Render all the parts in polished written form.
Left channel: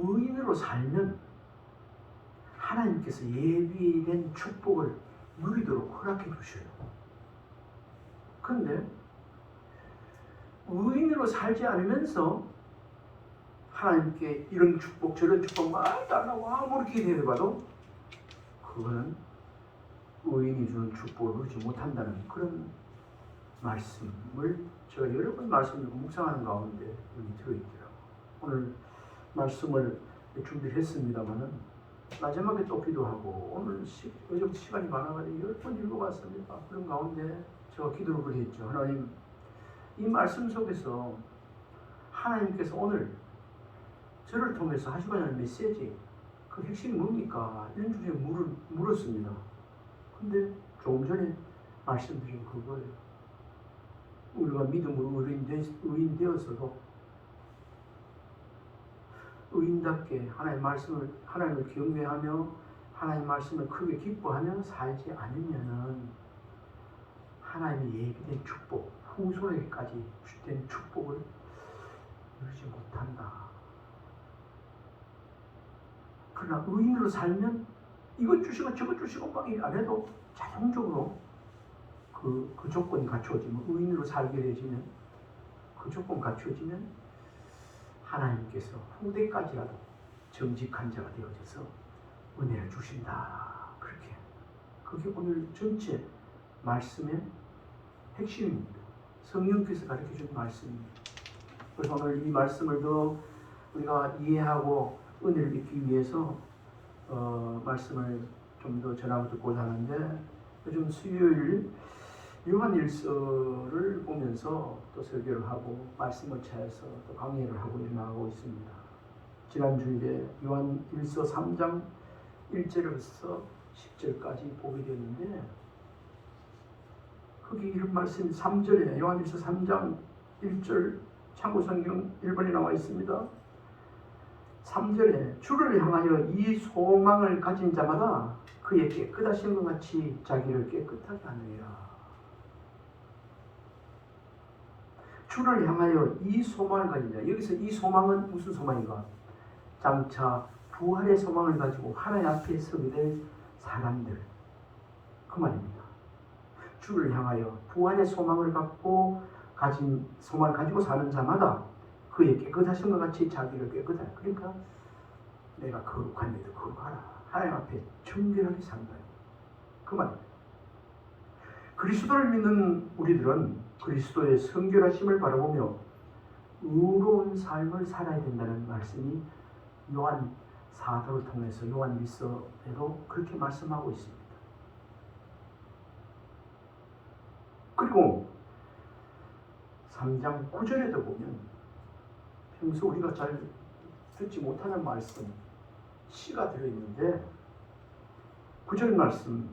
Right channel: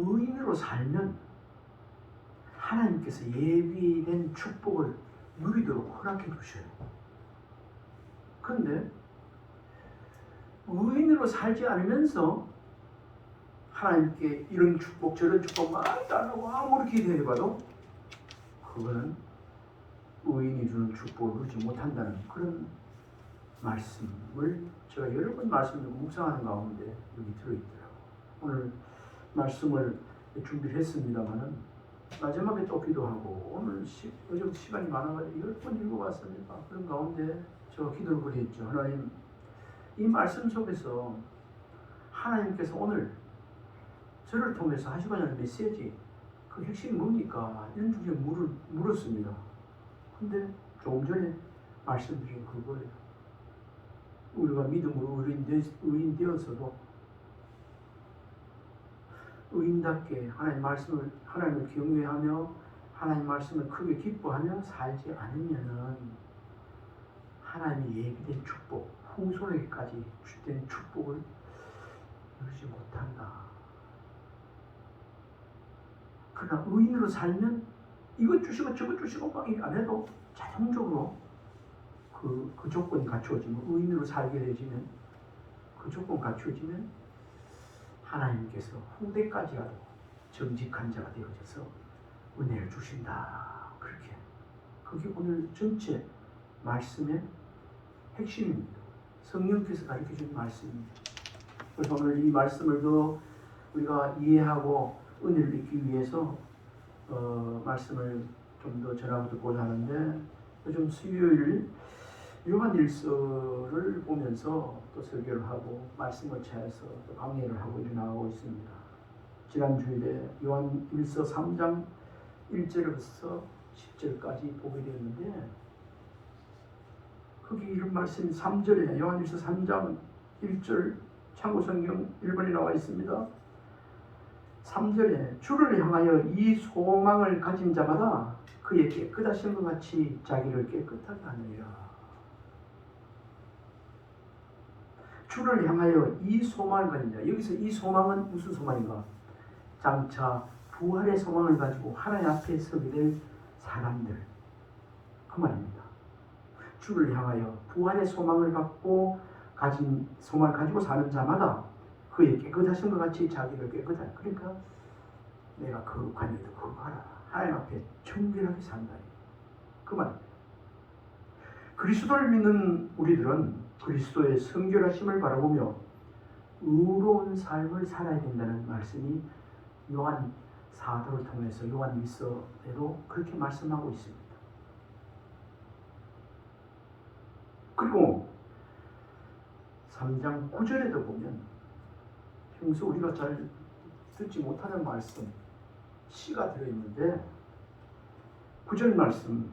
의인으로 살면 하나님께서 예비된 축복을 누리도록 허락해 주셔요. 그런데 의인으로 살지 않으면서 하나님께 이런 축복 저런 축복 막 달라고 아무리 기대해봐도 그거는 의인이 주는 축복을 누리지 못한다는 그런 말씀을 제가 여러 번 말씀을 묵상하는 가운데 여기 들어있더라고요. 오늘 말씀을 준비를 했습니다마는 마지막에 또 기도하고 오늘 어제부터 시간이 많아가지고 10번 읽어봤습니다. 그런 가운데 제가 기도를 했죠. 하나님, 이 말씀 속에서 하나님께서 오늘 저를 통해서 하시고자 하는 메시지 그 핵심이 뭡니까? 이런 주제에 물었습니다. 근데 조금 전에 말씀드린 그거예요. 우리가 믿음으로 의인 되어서도 의인답게 하나님을 경외하며 하나님 말씀을 크게 기뻐하며 살지 않으면은 하나님이 예비된 축복, 후손에게까지 주된 축복을 누리지 못한다. 그러나 의인으로 살면 이것 주시고 저것 주시고 막 안 해도 자동적으로 그 조건이 갖추어지면, 의인으로 살게 되어지면, 그 조건 갖추어지면 하나님께서 후대까지라도 정직한 자가 되어져서 은혜를 주신다. 그렇게. 그게 오늘 전체 말씀의 핵심입니다. 성령께서 가르쳐준 말씀입니다. 그래서 오늘 이 말씀을 더 우리가 이해하고 은혜를 얻기 위해서 말씀을 좀 더 전하고 듣고자 하는데, 요즘 수요일 요한일서를 보면서 또 설교를 하고 말씀을 찾아서 또 강의를 하고 나가고 있습니다. 지난주에 요한일서 3장 1절부터 10절까지 보게 되었는데, 거기 이런 말씀이 3절에 요한일서 3장 1절 참고성경 1번에 나와 있습니다. 3절에 주를 향하여 이 소망을 가진 자마다 그의 깨끗하신 것 같이 자기를 깨끗하게 하느니라. 주를 향하여 이 소망을 가진 자. 여기서 이 소망은 무슨 소망인가? 장차 부활의 소망을 가지고 하나님 앞에 서게 될 사람들, 그 말입니다. 주를 향하여 부활의 소망을 가지고 사는 자마다 그의 깨끗하신 것 같이 자기를 깨끗하게. 그러니까 내가 거룩한 일을 거룩하라. 하나님 앞에 청결하게 산다. 그 말입니다. 그리스도를 믿는 우리들은 그리스도의 성결하심을 바라보며 의로운 삶을 살아야 된다는 말씀이 요한 사도를 통해서 요한일서에도 그렇게 말씀하고 있습니다. 그리고 3장 9절에도 보면 평소 우리가 잘 듣지 못하는 말씀, 시가 들어있는데 9절 말씀,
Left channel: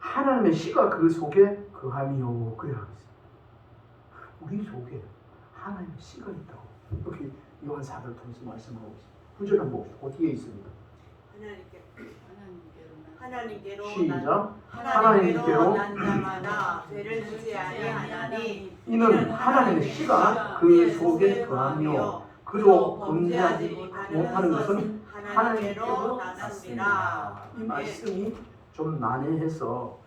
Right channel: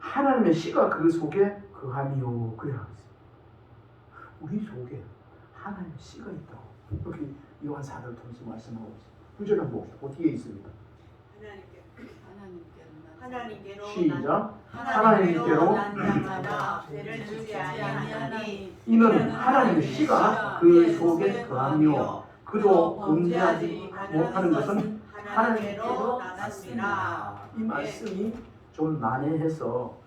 하나님의 시가 그 속에 거하미요, 그래 하고 있어요. 우리 속에 하나님의 시가 있다고 여기 요한 사도를 통해서 말씀하고 있습니다. 9절 한번 봅시다. 어디에 있습니다. 하나님께로 시작. 하나님께로 난 자마다 죄를 짓지 아니하니 이는 하나님의 시가 그 속에 거하며 그도 범죄하지 못하는 것은 하나님께로 났습니다. 이 말씀이 좀 난해해서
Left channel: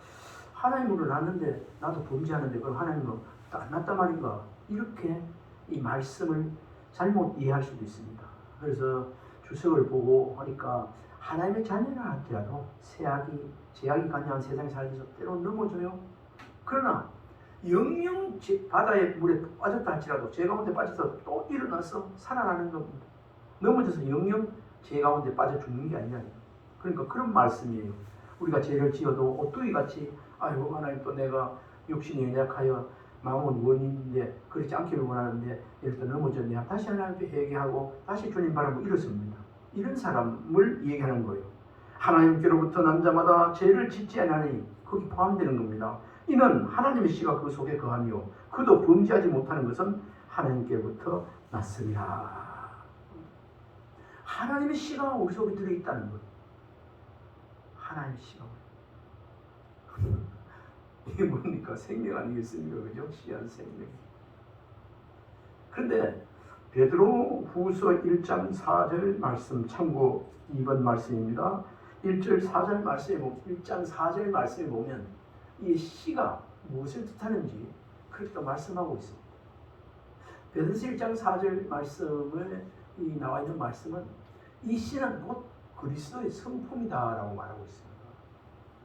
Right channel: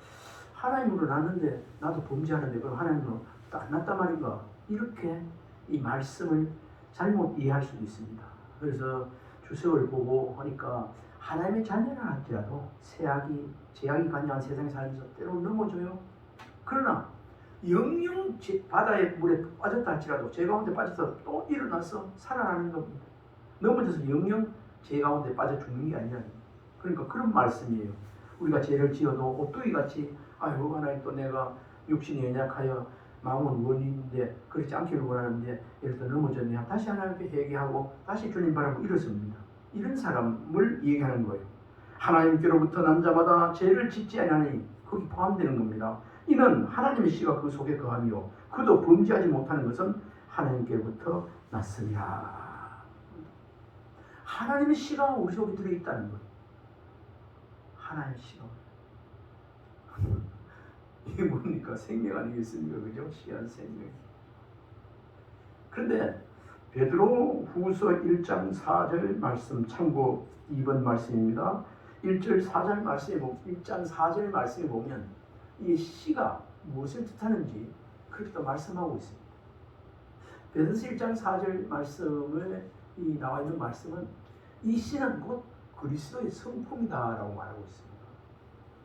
하나님으로 났는데 나도 범죄하는데 그럼 하나님은 안 났단 말인가? 이렇게 이 말씀을 잘못 이해할 수도 있습니다. 그래서 주석을 보고 하니까 하나님의 자녀라 할지라도 제약이 가능한 세상에 살면서 때로는 넘어져요. 그러나 영영 바다의 물에 빠졌다 할지라도 죄 가운데 빠져서 또 일어나서 살아나는 겁니다. 넘어져서 영영 죄 가운데 빠져 죽는 게 아니라. 그러니까 그런 말씀이에요. 우리가 죄를 지어도 오뚜기같이 아이고 하나님 또 내가 육신이 연약하여 마음은 원인인데 그렇지 않기를 원하는데 예를 들어 넘어졌네. 다시 하나님께 회개하고 다시 주님 바라고 일어섭니다. 이런 사람을 얘기하는 거예요. 하나님께로부터 난 자마다 죄를 짓지 아니하니 거기 포함되는 겁니다. 이는 하나님의 씨가 그 속에 거하며 그도 범죄하지 못하는 것은 하나님께로부터 났으리라. 하나님의 씨가 우리 속에 들어있다는 것. 하나님의 씨가. 이게 뭡니까? 생명 아니겠습니까? 그죠? 씨한 생명. 그런데 베드로 후서 1장 4절 말씀 참고 2번 말씀입니다. 1절 4절 말씀에 1장 4절 말씀에 보면 이 씨가 무엇을 뜻하는지 그렇게 또 말씀하고 있습니다. 베드로서 1장 4절 말씀에 이 나와 있는 말씀은 이 씨는 곧 그리스도의 성품이다라고 말하고 있습니다.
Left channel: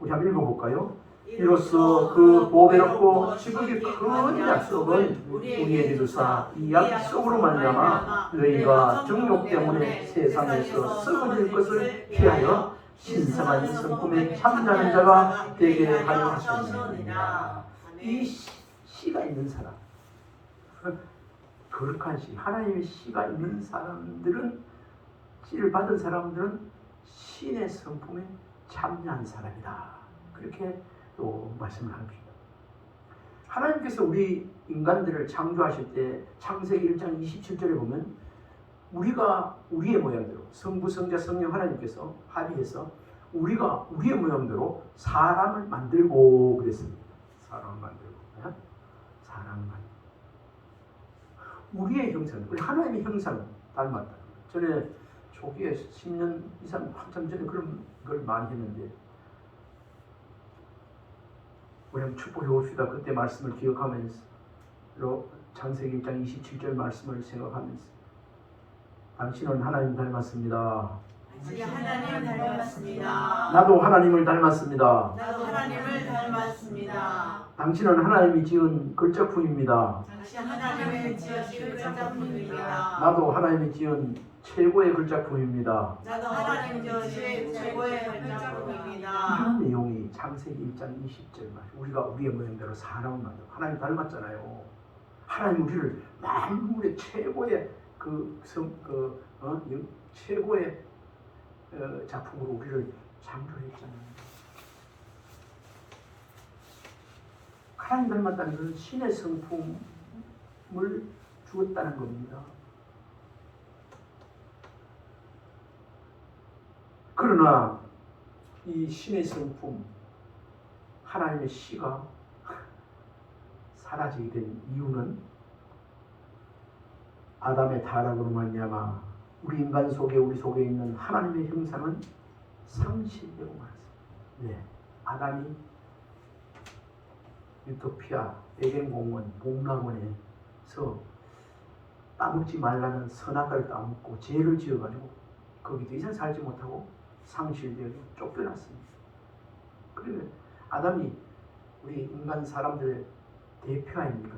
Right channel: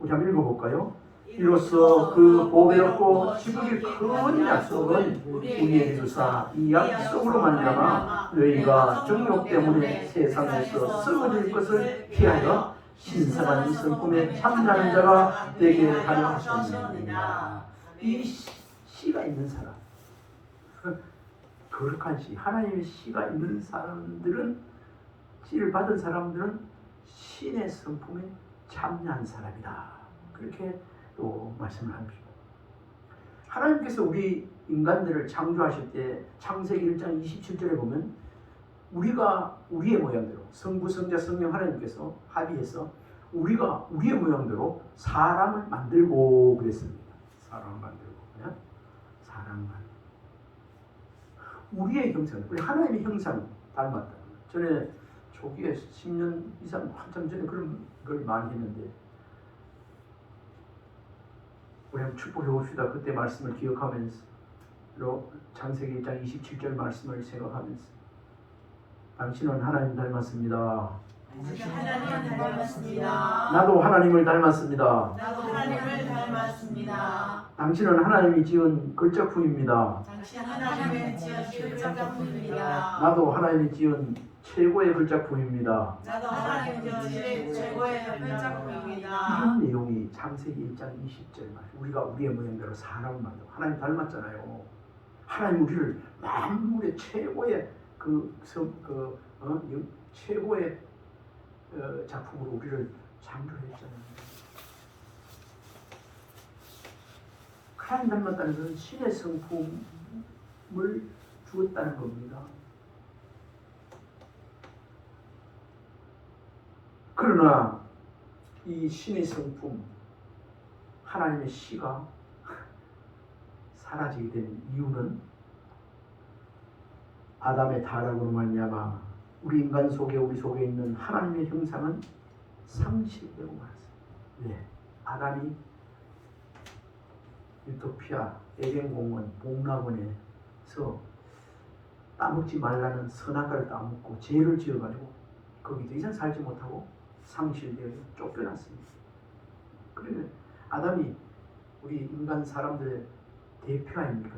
우리 한번 읽어볼까요? 이로써 그 보배롭고 지극히 큰 약속은 우리에게 주사 이 약속으로 말미암아 너희가 정욕 때문에 세상에서 썩어질 것을 피하여 신성한 성품에 참여하는 자가 되게 하려 하셨느니라. 이 씨가 있는 사람, 거룩한 씨, 하나님의 씨가 있는 사람들은, 씨를 받은 사람들은 신의 성품에 참여한 사람이다. 그렇게 또 말씀을 합니다. 하나님께서 우리 인간들을 창조하실 때 창세기 1장 27절에 보면 우리가 우리의 모양대로 성부, 성자, 성령 하나님께서 합의해서 우리가 우리의 모양대로 사람을 만들고 그랬습니다. 사람을 만들고, 사람을 만들고 우리의 형상, 우리 하나님의 형상 닮았다. 전에 초기에 10년 이상 한참 전에 그런 걸 많이 했는데 우리 한번 축복해 봅시다. 그때 말씀을 기억하면서 창세기 1장 27절 말씀을 생각하면서 당신은 하나님 닮았습니다. 하나님 닮았습니다. 나도 하나님을 닮았습니다. 나도 하나님을 닮았습니다. 당신은 하나님이 지은 걸작품입니다. 당신 하나님의 지으신 걸작품입니다. 나도 하나님이 지은 최고의 걸작품입니다. 나도 하나님 지으신 최고의 걸작품입니다. 이런 내용이 창세기 1장 20절 말. 우리가 우리의 모양대로 사람을 만들고 하나님 닮았잖아요. 하나님 우리를 만물의 최고의 최고의 작품으로 우리를 창조했잖아요. 하나님 닮았다는 것은 신의 성품을 주었다는 겁니다. 그러나 이 신의 성품, 하나님의 씨가 사라지게 된 이유는 아담의 타락으로 말미암아 우리 인간 속에 우리 속에 있는 하나님의 형상은 상실되고 말았습니다. 네, 아담이 유토피아 에덴공원 복락원에서 따먹지 말라는 선악과를 따먹고 죄를 지어가지고 거기 더 이상 살지 못하고 상실되어 쫓겨났습니다. 그런데 아담이 우리 인간 사람들의 대표 아닙니까?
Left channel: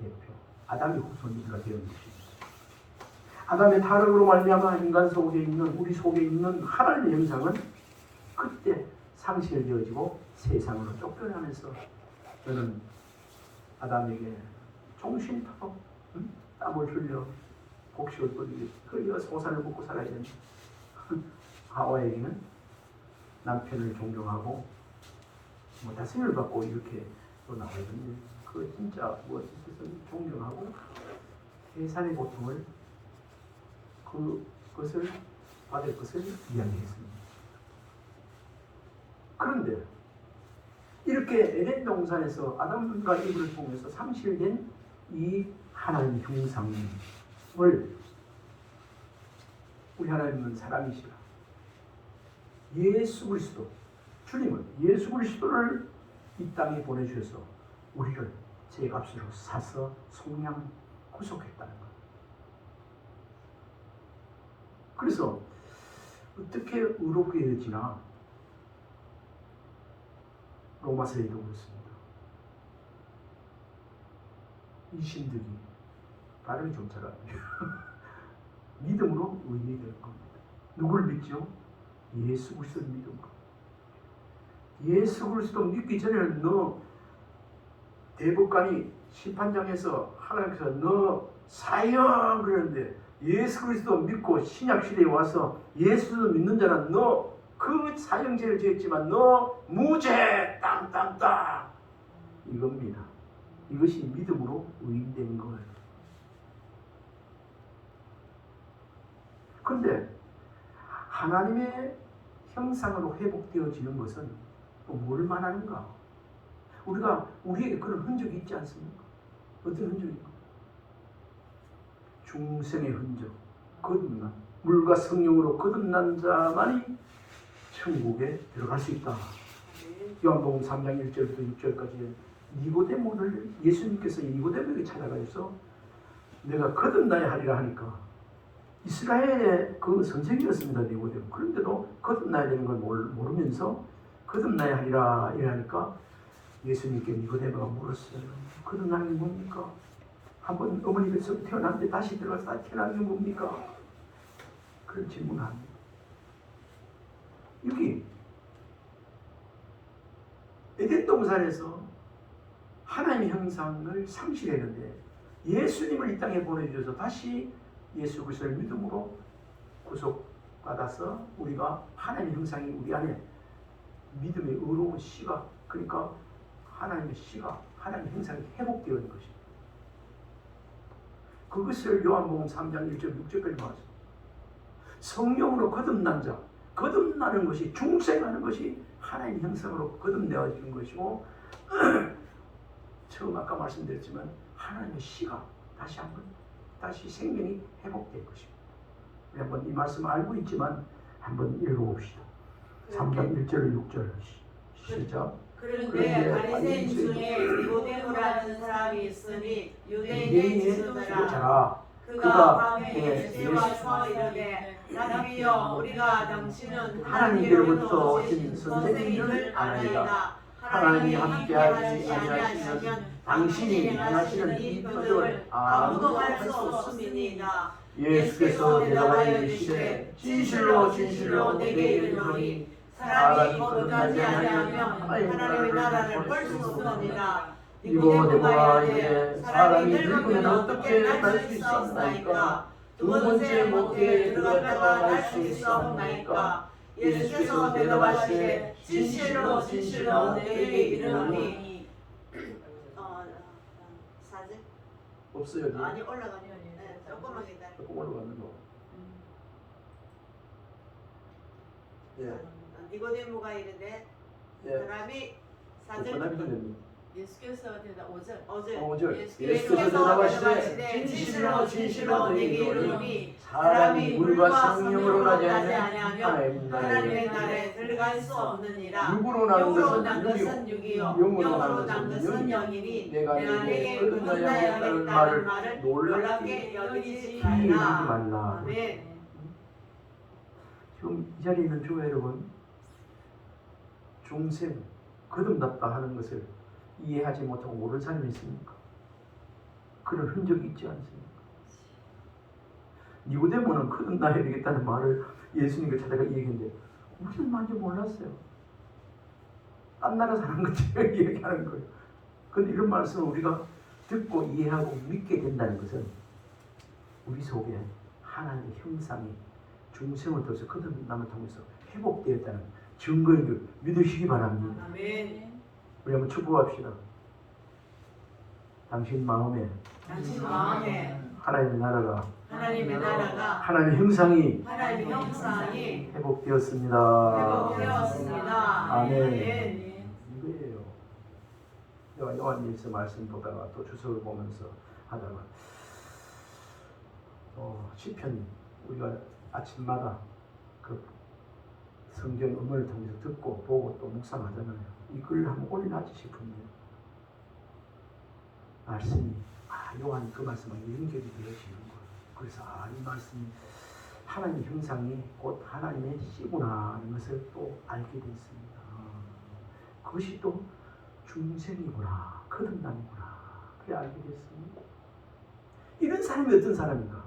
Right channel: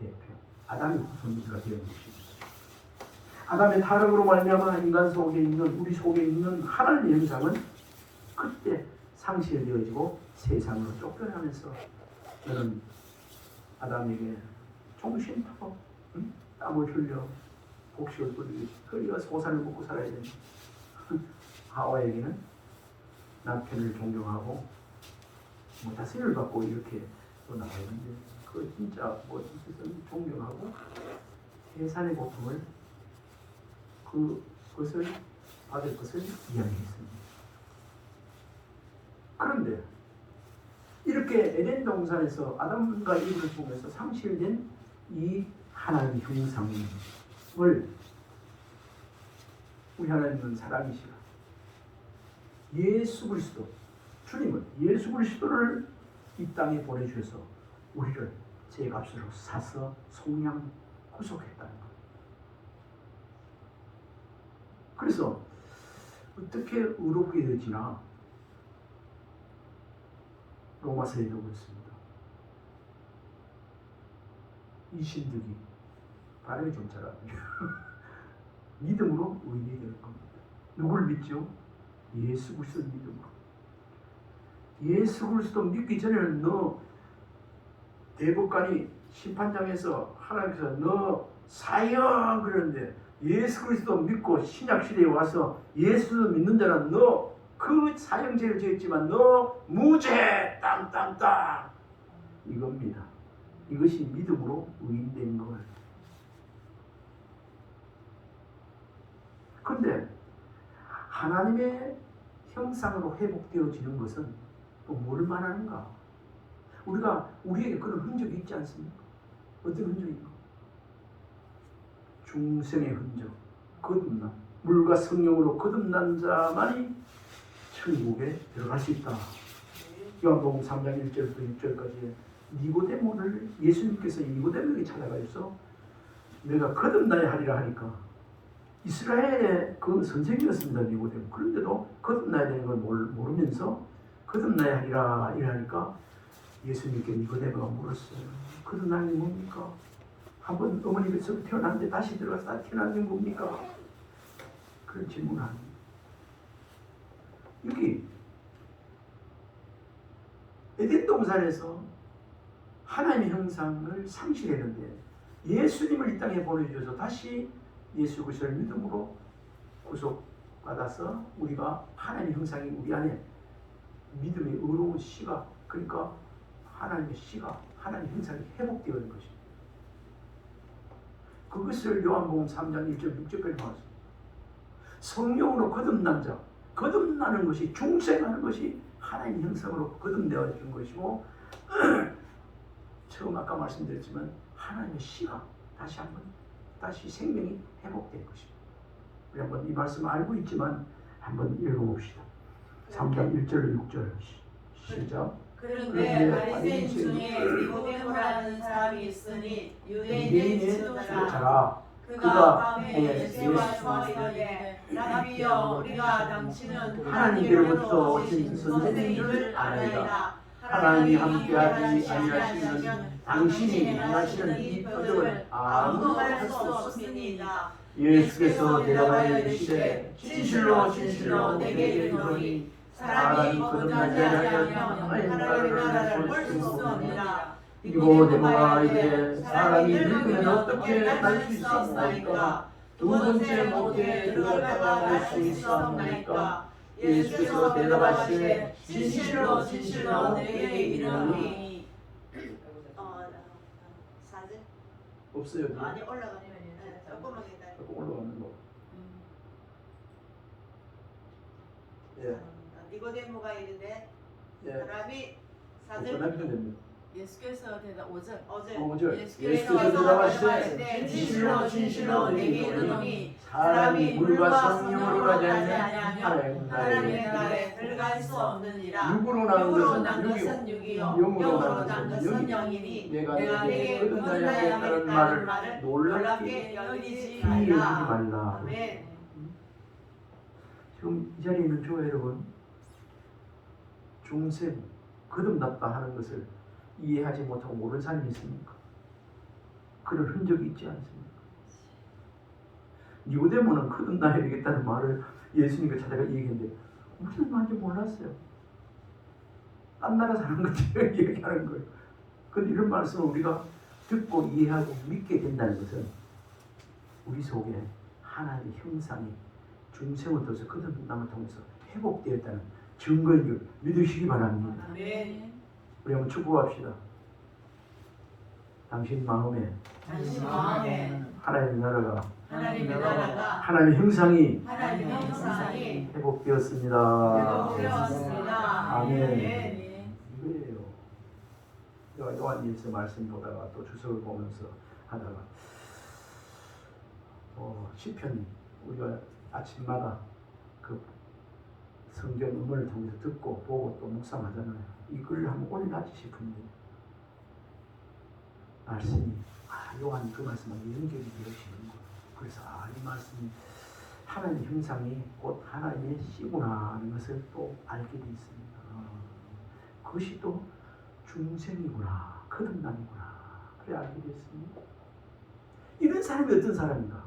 대표. 아담의 후손들과 되어 있습니다. 아담의 타락으로 말미암아 인간 속에 있는 우리 속에 있는 하나님의 형상은 그때 상실되어지고 세상으로 쫓겨나면서 저는 아담에게 종신파로 땀을 흘려 곡식을 흘려 소산을 먹고 살아야 된다. 하와에게는 남편을 존경하고 다스림을 받고 이렇게 또 나와야 되는데 그 진짜 존경하고 해산의 고통을 그것을 받을 것을 이야기했습니다. 그런데 이렇게 에덴 동산에서 아담과 이브를 통해서 상실된 이 하나님 형상을 우리 하나님은 사람이시라 예수 그리스도 주님은 예수 그리스도를 이 땅에 보내주셔서 우리를 죄값으로 사서 속량 구속했다는 것. 그래서 어떻게 의롭게 되지나 로마서에도 그렇습니다. 이 신득이 발음이 좀 잘하네요. 믿음으로 의인이 될 겁니다. 누구를 믿죠? 예수 그리스도를 믿는 것. 예수 그리스도 믿기 전에는 너 대법관이 심판장에서 하나님께서 너 사형 그러는데 예수 그리스도 믿고 신약 시대에 와서 예수 믿는 자는 너 그 사형죄를 지었지만 너 무죄 땅땅땅 이겁니다. 이것이 믿음으로 의인된 것. 그런데 하나님의 형상으로 회복되어지는 것은 또 뭘 말하는가? 우리에게 그런 흔적이 있지 않습니까? 어떤 흔적인가? 중생의 흔적, 거듭나 물과 성령으로 거듭난 자만이 천국에 들어갈 수 있다. 요한복음 3장 1절부터 6절까지 니고데모를 예수님께서 니고데모에게 찾아가서 내가 거듭나야 하리라 하니까 이스라엘의 그 선생이었습니다. 니고데모. 그런데도 거듭나야 되는 걸 모르면서 거듭나야 하리라 이러니까 예수님께 니고데모가 물었어요. 거듭나는 게 뭡니까? 한번 어머니께서 태어났는데 다시 들어가서 다 태어나는 게 뭡니까? 그런 질문을 합니다. 여기 에덴 동산에서 하나님의 형상을 상실했는데 예수님을 이 땅에 보내주셔서 다시 예수 그리스도를 믿음으로 구속받아서 우리가 하나님의 형상이 우리 안에 믿음의 의로운 시각, 그러니까 하나님의 시각, 하나님의 형상이 회복되어 있는 것입니다. 그것을 요한복음 3장 1절 6절까지 나왔습니다. 성령으로 거듭난 자, 거듭나는 것이 중생하는 것이 하나님 형상으로 거듭내어지는 것이고 처음 아까 말씀드렸지만 하나님의 시각 다시 생명이 회복될 것입니다. 우리 한번 이 말씀을 알고 있지만 한번 읽어봅시다. 3장 1절 6절 시작. 그런데 바리새인 중에 니고데모라는 사람이 있으니 유대인의 지도자라. 그가 밤에 예수께 와서 이르되 라비여 우리가 당신은 하나님께로부터 오신 선생님을 알아이다. 하나님이 함께하지 아니하시면 당신이 행하시는 이 표적을 아무도 할 수 없음이니이다. 예수께서 대답하여 이르시되 진실로 진실로 내게 이르노니 사람이 거듭나지 아니하면 하나님의 나라를 볼 수 없느니라. 니고데모가 이르되 사람이 늙으면 어떻게 날 수 있사옵나이까? 두 번째 목회에 들어갔다가 날 수 있사옵나이까? 예수께서 대답하시되 진실로 진실로 내게 이르노니. 사진? 없어요. 아니 올라가면 조금만 기다려. 조금 올라가는 거. 예. 니고데모가 이르되 예. 사람이 사진 사진 예수께서 대답 5절. 어제 5절. 예수께서 예수께서 대답하시되 진실로 진실로 내게 이르노니 사람이 물과 성령으로 가지 아니하면 하나님의 나라에 들어갈 수 없느니라. 육으로 난 육으로 난 것은 것은 육이요 영으로 영으로 난 난 것은 것은 영이니 영이니 내가 내게 너에게 거듭나야 하겠다는 말을 놀랍게 여기지 여기지 말라. 말라. 아멘. 지금 이 자리에 있는 교회 여러분, 중생 거듭났다 하는 것을 이해하지 못하고 모르는 사람이 있습니까? 그런 흔적이 있지 않습니까? 니고데모는 거듭나야 되겠다는 말을 예수님께 찾아가 얘기했는데 무슨 말인지 몰랐어요. 딴 나라 사는 것처럼 얘기하는 거예요. 그런데 이런 말씀을 우리가 듣고 이해하고 믿게 된다는 것은 우리 속에 하나님의 형상이 중생으로서 거듭남을 통해서 회복되었다는 증거인 걸 믿으시기 바랍니다. 아멘. 우리 한번 축복합시다. 당신 마음에 하나님의 나라가 하나님의 형상이 회복되었습니다. 아멘. 이거예요. 제가 요한일서 말씀 보다가 또 주석을 보면서 하다가 시편 우리가 아침마다 그 성경 음원을 통해서 듣고 보고 또 묵상하잖아요. 이걸 한번 올려놔지 싶은데 말씀이 요한 그 말씀하고 연결이 되어지는 거예요. 그래서 이 말씀이 하나님의 형상이 곧 하나님의 씨구나 하는 것을 또 알게 되어 있습니다. 그것이 또 중생이구나, 거듭남이구나, 그래 알게 됐습니다. 이런 사람이 어떤 사람인가?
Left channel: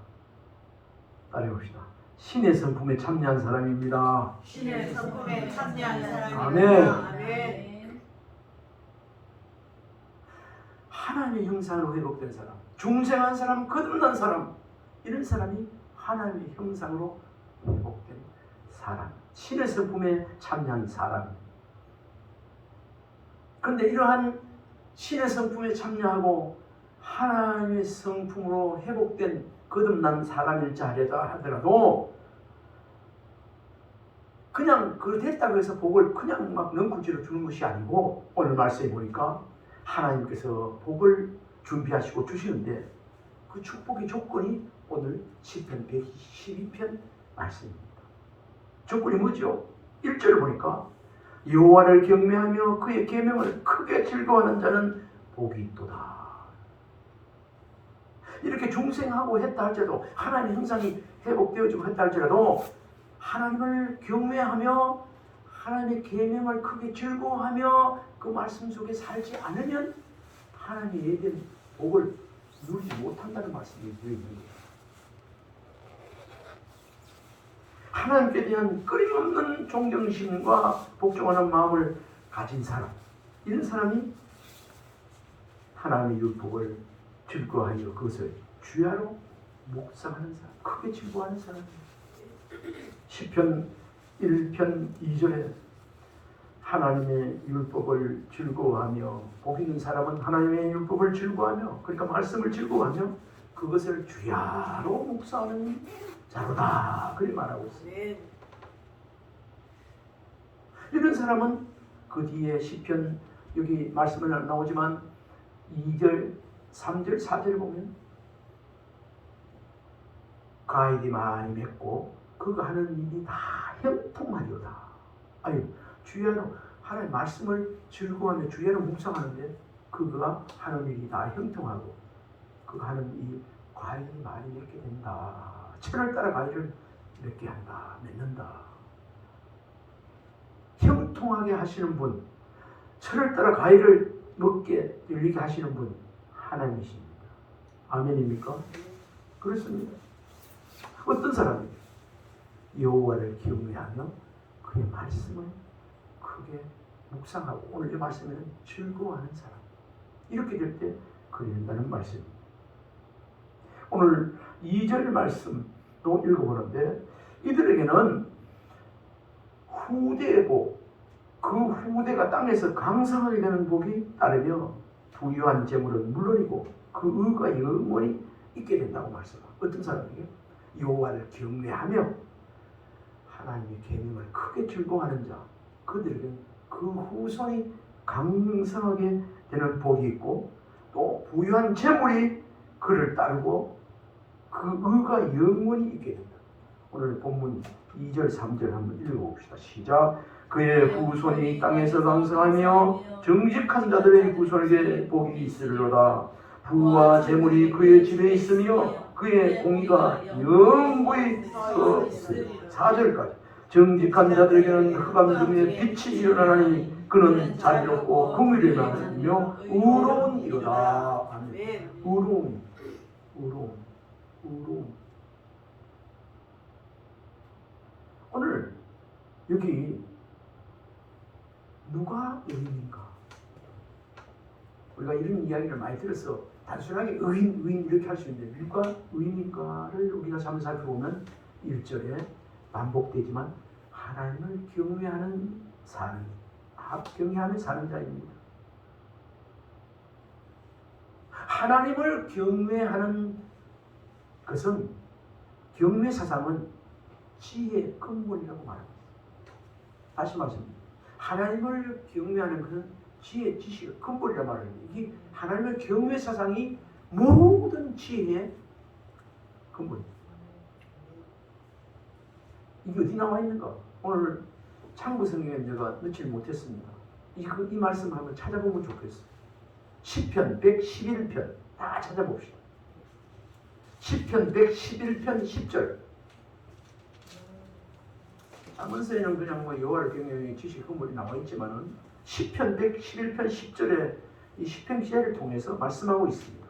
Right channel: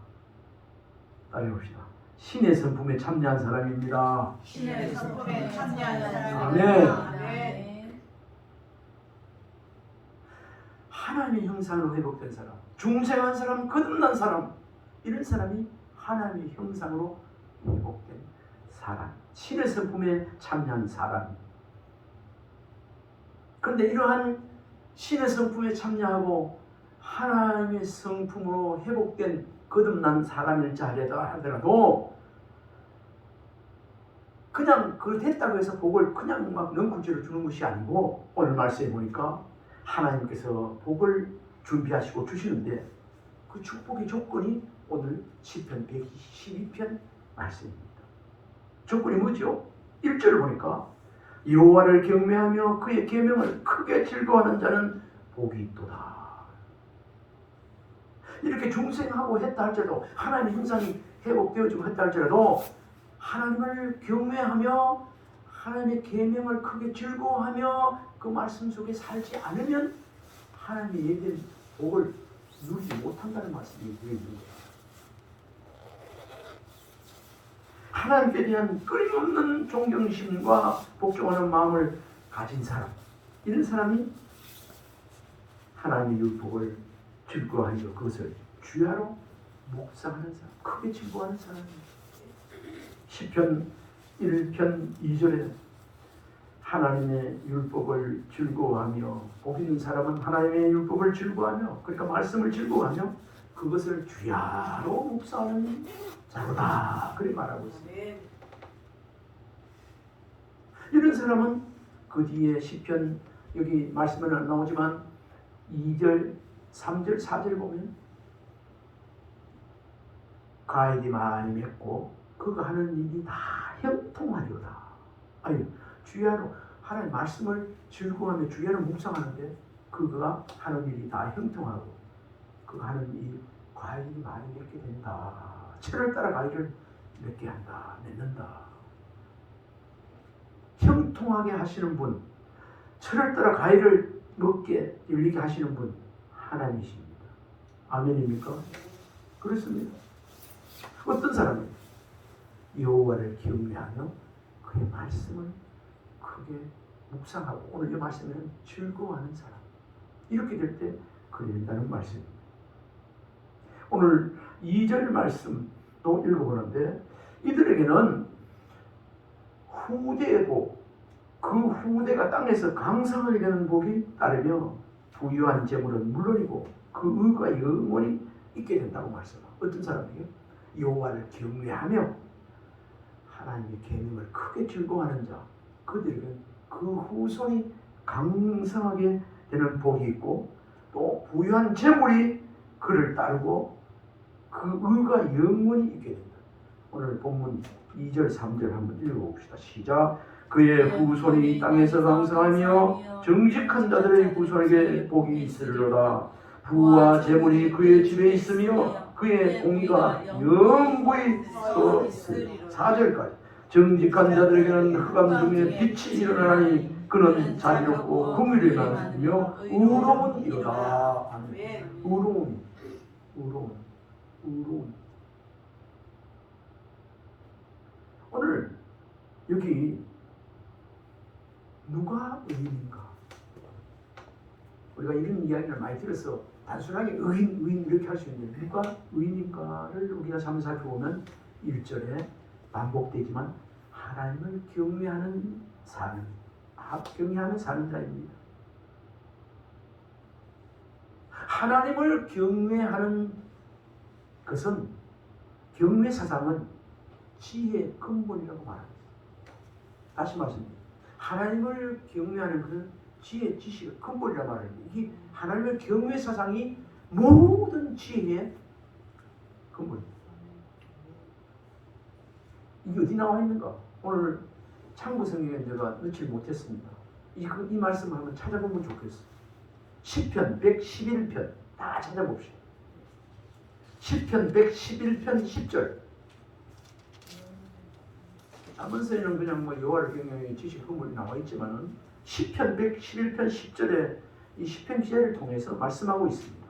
따라해봅시다. 신의 성품에 참여한 사람입니다. 신의 성품에 참여한 사람입니다. 아멘. 하나님의 형상으로 회복된 사람, 중생한 사람, 거듭난 사람, 이런 사람이 하나님의 형상으로 회복된 사람, 신의 성품에 참여한 사람. 그런데 이러한 신의 성품에 참여하고 하나님의 성품으로 회복된 거듭난 사람일지 하더라도 그냥 그걸 됐다고 해서 복을 그냥 막 넝쿨째로 주는 것이 아니고 오늘 말씀해 보니까 하나님께서 복을 준비하시고 주시는데 그 축복의 조건이 오늘 시편 112편 말씀입니다. 조건이 뭐죠? 1절을 보니까 여호와를 경외하며 그의 계명을 크게 즐거워하는 자는 복이 있도다. 이렇게 중생하고 했다 할지라도 하나님의 형상이 회복되어지고 했다 할지라도 하나님을 경외하며 하나님의 계명을 크게 즐거워하며 그 말씀 속에 살지 않으면 하나님의 예배된 복을 누리지 못한다는 말씀이 되어 있는 거예요. 하나님께 대한 끊임없는 존경심과 복종하는 마음을 가진 사람, 이런 사람이 하나님의 율법을 즐거워하며 그것을 주야로 묵상하는 사람, 크게 즐거워하는 사람입니다. 시편 1편 2절에 하나님의 율법을 즐거워하며 복 있는 사람은 하나님의 율법을 즐거워하며, 그러니까 말씀을 즐거워하며 그것을 주야로 묵상하는 자로다, 그렇게 말하고 있습니다. 이런 사람은 그 뒤에 시편, 여기 말씀에는 안 나오지만 2절, 3절, 4절 보면 과일이 많이 맺고 그가 하는 일이 다 형통하리로다. 아니, 주야로 하나님의 말씀을 즐거워하며 주야로 묵상하는데 그가 하는 일이 다 형통하고 그가 하는 이 과일이 많이 맺게 된다. 철을 따라 과일을 맺게 한다, 맺는다. 형통하게 하시는 분, 철을 따라 과일을 먹게 열리게 하시는 분 하나님이십니다. 아멘입니까? 그렇습니다. 어떤 사람은 여호와를 경외하며 그의 말씀을 크게 묵상하고 오늘 이 말씀은 즐거워하는 사람, 이렇게 될 때 그리 된다는 말씀입니다. 오늘 2절 말씀도 읽어보는데 이들에게는 후대의 복, 그 후대가 땅에서 강성하게 되는 복이 따르며 부유한 재물은 물론이고 그 의가 영원히 있게 된다고 말씀합니다. 어떤 사람에게? 여호와를 경외하며 하나님의 계명을 크게 즐거워하는 자, 그들에게 그 후손이 강성하게 되는 복이 있고 또 부유한 재물이 그를 따르고 그 의가 영원히 있게 된다. 오늘 본문 2절 3절 한번 읽어봅시다. 시작. 그의 후손이 땅에서 강성하며 정직한 자들의 후손에게 복이 있으리로다. 부와 재물이 그의 집에 있으며 그의 공의가 영원히 서 있으리로다. 4절까지. 정직한 자들에게는 흑암 중에 빛이 일어나니 그는 자비롭고 긍휼을 많으며 의로운 이로다. 아멘. 의로운. 오늘 여기 누가 의인인가? 우리가 이런 이야기를 많이 들어서 단순하게 의인 이렇게 할 수 있는데 누가 의인인가를 우리가 잠시 살펴보면 1절에 반복되지만 하나님을 경외하는 사람, 경외하며 사는 자입니다. 하나님을 경외하는 것은, 경외 사상은 지혜의 근본이라고 말합니다. 다시 말씀드립니다. 하나님을 경외하는 것은 지혜, 지식의 근본이라고 말합니다. 이 하나님의 경외 사상이 모든 지혜의 근본입니다. 이게 어디 나와 있는가? 오늘 창구 성경에 제가 넣지 못했습니다. 이 말씀 한번 찾아보면 좋겠어요. 시편 111편 다 찾아봅시다. 시편 111편 10절. 자문서에는 그냥 여호와를 경외하는 지식 근본이 나와 있지만은 시편 111편 10절에 이 시편 지혜를 통해서 말씀하고 있습니다.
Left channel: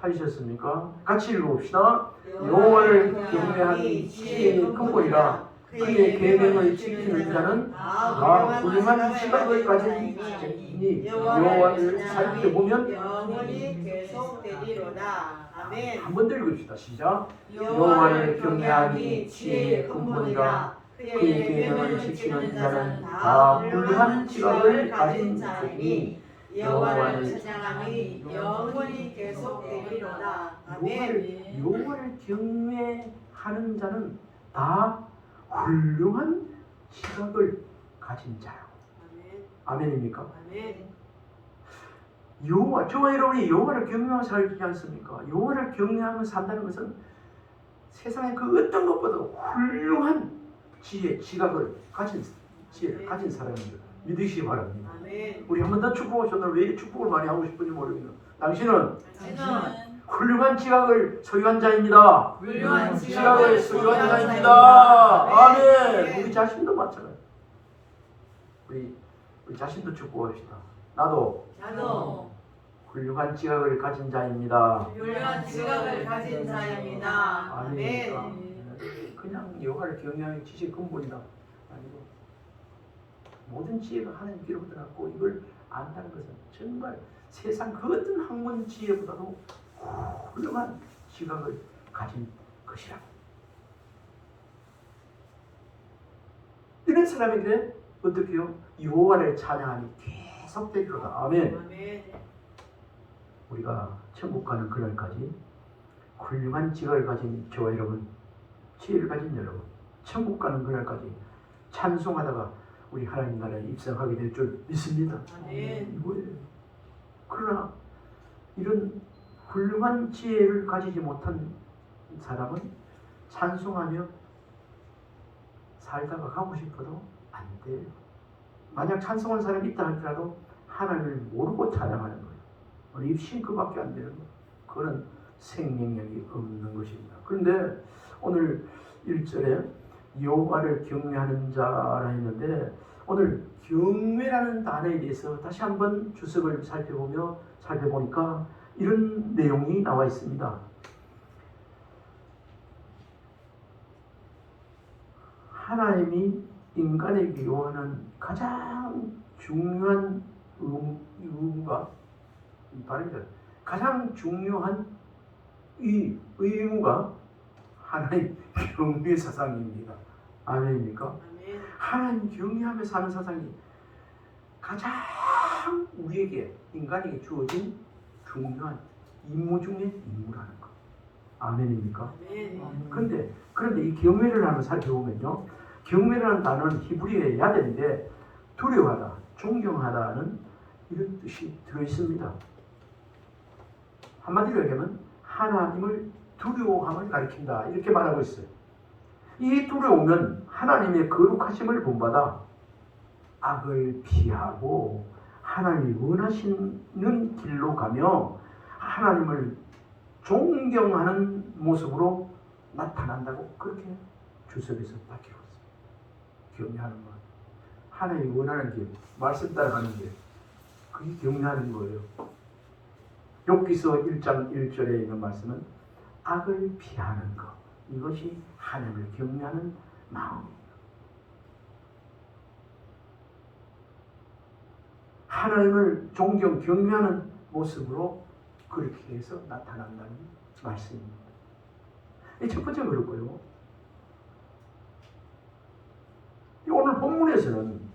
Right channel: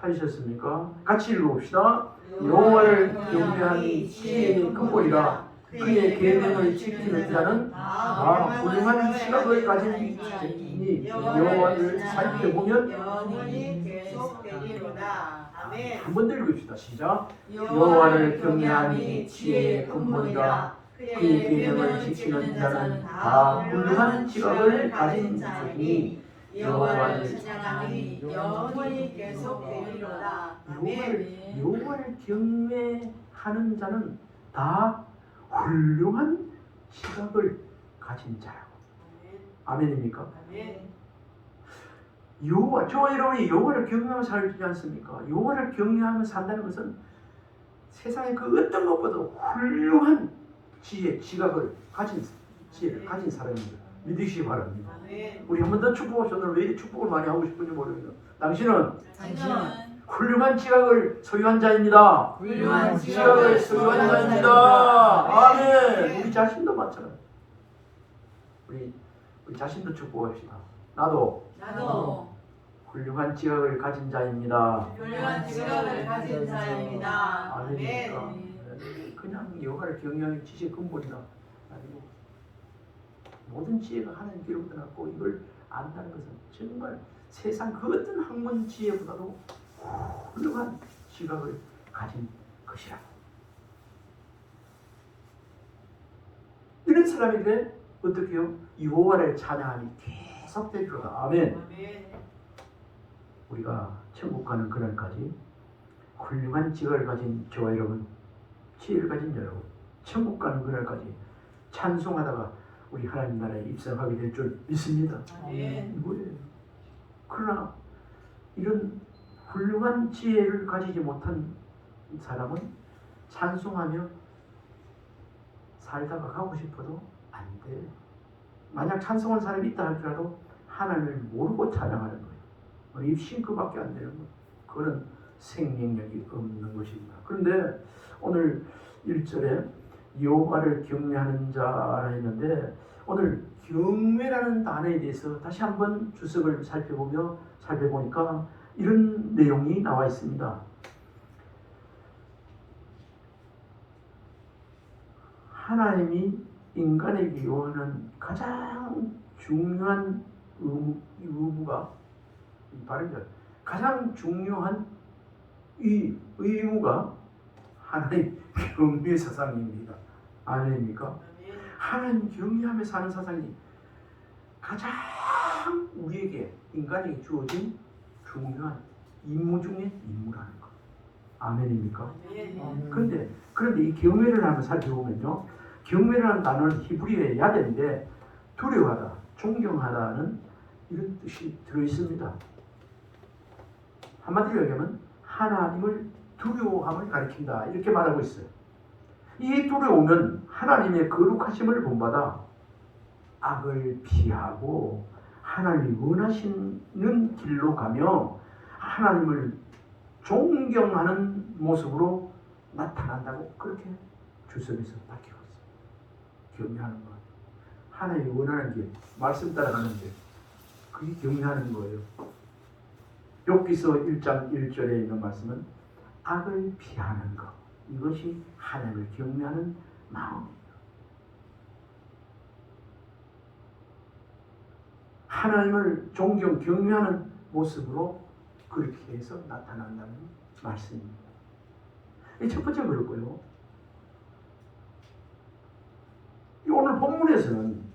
찾으셨습니까? 같이 읽어봅시다. 여호와를 경외하는 지혜의 근본이라 그의 계명을 지키는 자는 다 훌륭한 시각을 가진 자이니 여호와를 살펴보면 영원히 계속되리로다. 아멘. 한 번 더 읽읍시다. 시작. 여호와를 경외하니 지혜의 근본이라 그의 계명을 지키는 자는 다 훌륭한 지각을 가진 자이니 여호와를 찬양함이 영원히 계속되리로다. 아멘. 여호와를 경외하는 자는 다 훌륭한 시각을 가진 자라고. 아멘입니까? 아멘. 저와 여러분이 여호와를 경외하며 살지 않습니까? 여호와를 경외하며 산다는 것은 세상에 그 어떤 것보다도 훌륭한 지혜를 가진 사람입니다. 믿으시기 바랍니다. 아멘. 우리 한 번 더 축복하셔서 왜 이렇게 축복을 많이 하고 싶은지 모르겠네요. 당신은 당신은 훌륭한 지각을 소유한 자입니다. 훌륭한 지각을 소유한 자입니다. 아멘. 우리 자신도 마찬가지. 우리 자신도 축복합시다. 나도 나도 훌륭한 지각을 가진 자입니다. 훌륭한 지각을 가진 자입니다. 아멘입니까? 아멘. 그냥 여호와를 경외하는 지식의 근본이다. 아니고 모든 지혜가 하나님께로부터 났고 이걸 안다는 것은 정말 세상 그 어떤 학문 지혜보다도 훌륭한 지각을 가진 것이라. 이런 사람에게 어떻게요? 여호와를 찬양함이 계속될 거다. 아멘. 아멘. 우리가 천국 가는 그날까지 훌륭한 지각을 가진 저와 여러분, 지혜를 가진 여러분, 천국 가는 그날까지 찬송하다가 우리 하나님 나라에 입성하게 될 줄 믿습니다. 아멘. 뭐예요? 그러나 이런 훌륭한 지혜를 가지지 못한 사람은 찬송하며 살다가 가고 싶어도 안 돼요. 만약 찬송한 사람이 있다 할지라도 하나님을 모르고 찬양하는 거예요. 입신 그밖에 안 돼요. 그거는 생명력이 없는 것입니다. 그런데 오늘 1절에 여호와를 경외하는 자라 했는데 오늘 경외라는 단어에 대해서 다시 한번 주석을 살펴보니까 이런 내용이 나와 있습니다. 하나님이 인간에게 요하는 가장 중요한 의무가 다릅니다. 가장 중요한 이 의무가 하나님 경외 사상입니다. 아멘입니까? 아멘. 하나님 경외하며 사는 사상이 가장 우리에게 인간에게 주어진 중요한 임무 중에 임무라는 것. 아멘입니까? 아멘. 그런데 이 경외를 한번 살펴보면요, 경외라는 단어는 히브리어의 야대인데 두려워하다, 존경하다는 이런 뜻이 들어있습니다. 한마디로 얘기하면 하나님을 두려워함을 가리킨다 이렇게 말하고 있어요. 이 두려움은 하나님의 거룩하심을 본받아 악을 피하고 하나님이 원하시는 길로 가며 하나님을 존경하는 모습으로 나타난다고 그렇게 주석에서 밝히고 있어요. 경외하는 것, 하나님이 원하는 길, 말씀 따라가는 길, 그게 경외하는 거예요. 욥기서 1장 1절에 있는 말씀은 악을 피하는 것, 이것이 하나님을 경외하는 마음입니다. 하나님을 존경, 경외하는 모습으로 그렇게 해서 나타난다는 말씀입니다. 이 첫 번째 그렇고요. 오늘 본문에서는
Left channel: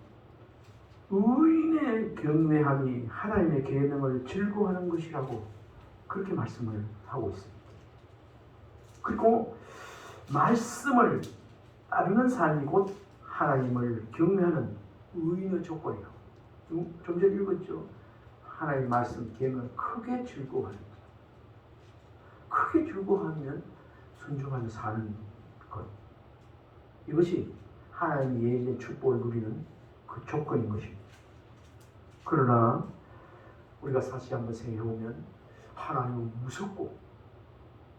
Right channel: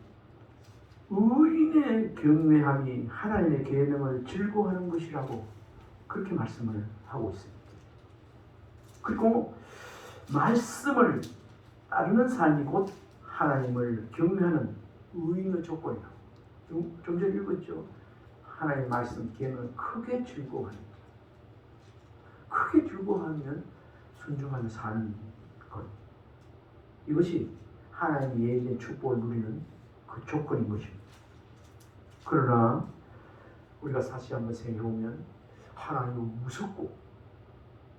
의인의 경외함이 하나님의 계명을 즐거워하는 것이라고 그렇게 말씀을 하고 있습니다. 그리고 말씀을 따르는 삶이 곧 하나님을 경외하는 의인의 조건이라고. 좀 전에 읽었죠. 하나님의 말씀 계명을 크게 즐거워하는 자. 크게 즐거워하면 순종하며 사는 것. 이것이 하나님의 예정의 축복을 누리는 그 조건인 것입니다. 그러나 우리가 사실 한번 생각해보면 하나님은 무섭고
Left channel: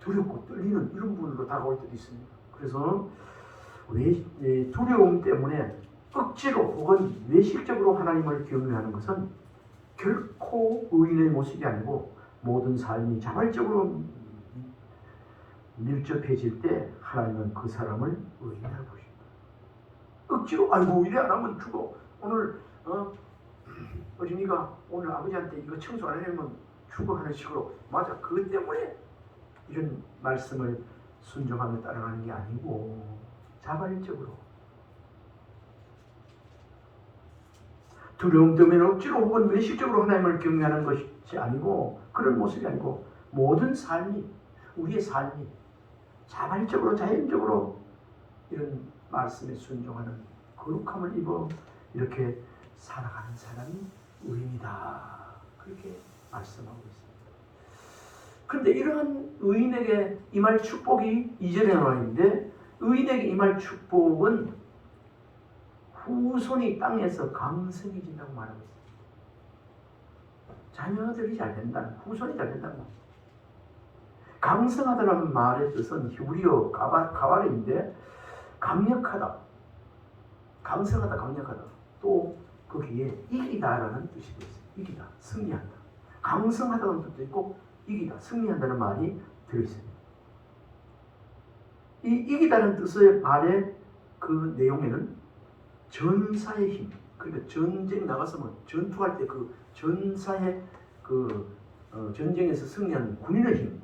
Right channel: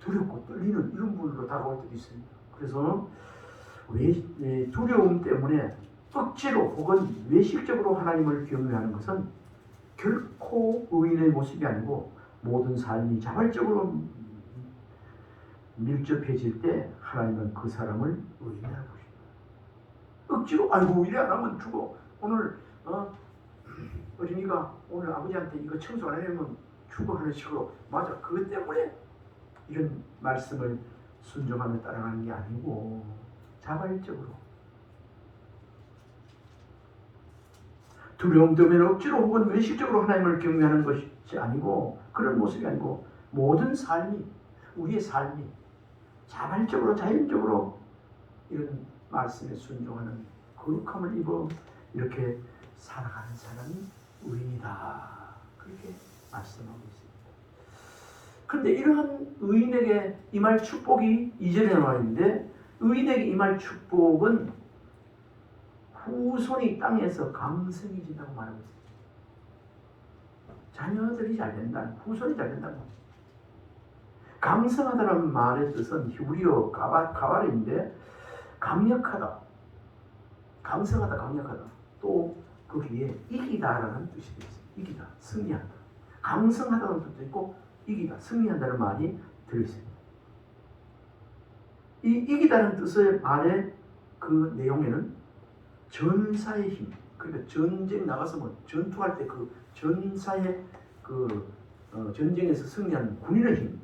두렵고 떨리는 이런 분으로 다가올 때도 있습니다. 그래서 두려움 때문에 억지로 혹은 외식적으로 하나님을 경외하는 것은 결코 의인의 모습이 아니고 모든 삶이 자발적으로 밀접해질 때 하나님은 그 사람을 의인할 것입니다. 억지로 아이고 이래 안 하면 죽어. 오늘 어린이가 오늘 아버지한테 이거 청소 안 해내면 죽어 하는 식으로 맞아. 그것 때문에 이런 말씀을 순종하며 따라가는 게 아니고 자발적으로 두려움 때문에 억지로 혹은 외식적으로 하나님을 경외하는 것이 아니고 그런 모습이 아니고 모든 삶이 우리의 삶이 자발적으로 자연적으로 이런 말씀에 순종하는 거룩함을 입어 이렇게 살아가는 사람이 의인이다. 그렇게 말씀하고 있습니다. 근데 이러한 의인에게 임할 축복이 2절에 나와 있는데, 의인에게 임할 축복은 후손이 땅에서 강성해진다고 말하고 있어요. 자녀들이 잘 된다, 후손이 잘 된다는 말이에요. 강성하다는 말의 뜻은 히브리어 가발인데 강력하다, 강성하다, 강력하다. 또 거기에 이기다라는 뜻이 있어요. 이기다, 승리한다. 강성하다는 뜻도 있고 이기다, 승리한다는 말이 들어있어요. 이 이기다는 뜻의 말의 그 내용에는 전사의 힘, 그러니까 전쟁 나가서 뭐 전투할 때 그 전사의 그 전쟁에서 승리하는 군인의 힘,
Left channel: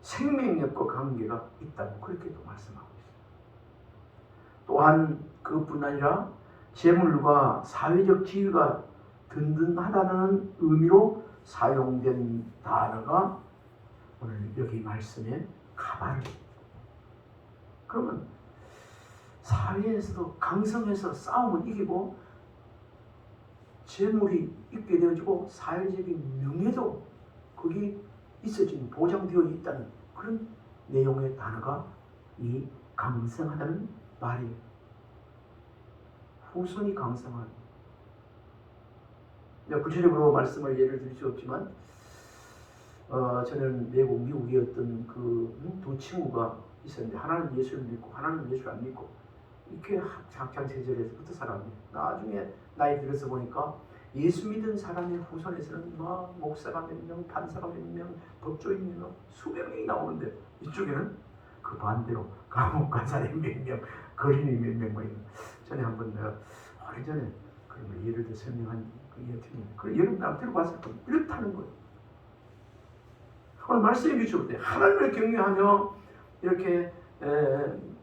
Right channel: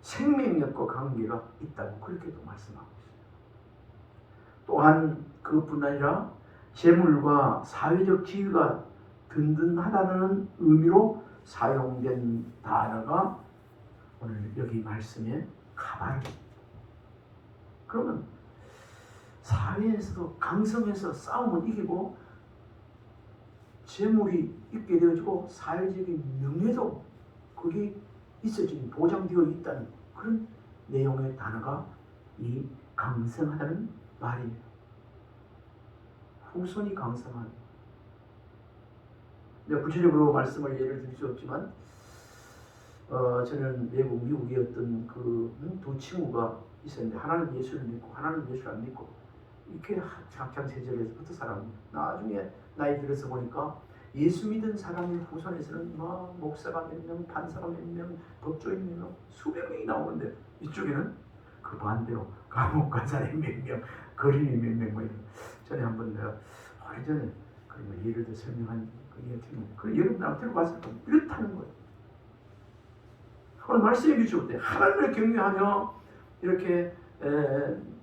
생명력과 관계가 있다고 그렇게도 말씀하고 있습니다. 또한 그뿐 아니라 재물과 사회적 지위가 든든하다는 의미로 사용된 단어가 오늘 여기 말씀에 가발입니다. 그러면 사회에서도 강성해서 싸움을 이기고 재물이 있게 되어지고 사회적인 명예도 거기 있어지는 보장되어 있다는 그런 내용의 단어가 이 강성하다는 말이에요. 후손이 강성한. 내가 구체적으로 말씀을 예를 들 수 없지만 저는 미국의 어떤 그 두 친구가 있었는데 하나는 예수를 믿고 하나는 예수를 안 믿고 이렇게 학창 시절에서부터 살았는데 나중에 나이 들어서 보니까 예수 믿은 사람의 후손에서는 뭐 목사가 몇 명, 판사가 몇 명, 법조인 몇 명, 수백 명이 나오는데 이쪽에는 그 반대로 감옥 가자리 몇 명, 거린이 몇 명 뭐 이런. 전에 한번 내가 오래전에 그런 예를 들어 설명한 그 여러분들 들어봤을 때 이렇다는 거예요. 오늘 말씀이 비추을 때 하나님을 경외하며 이렇게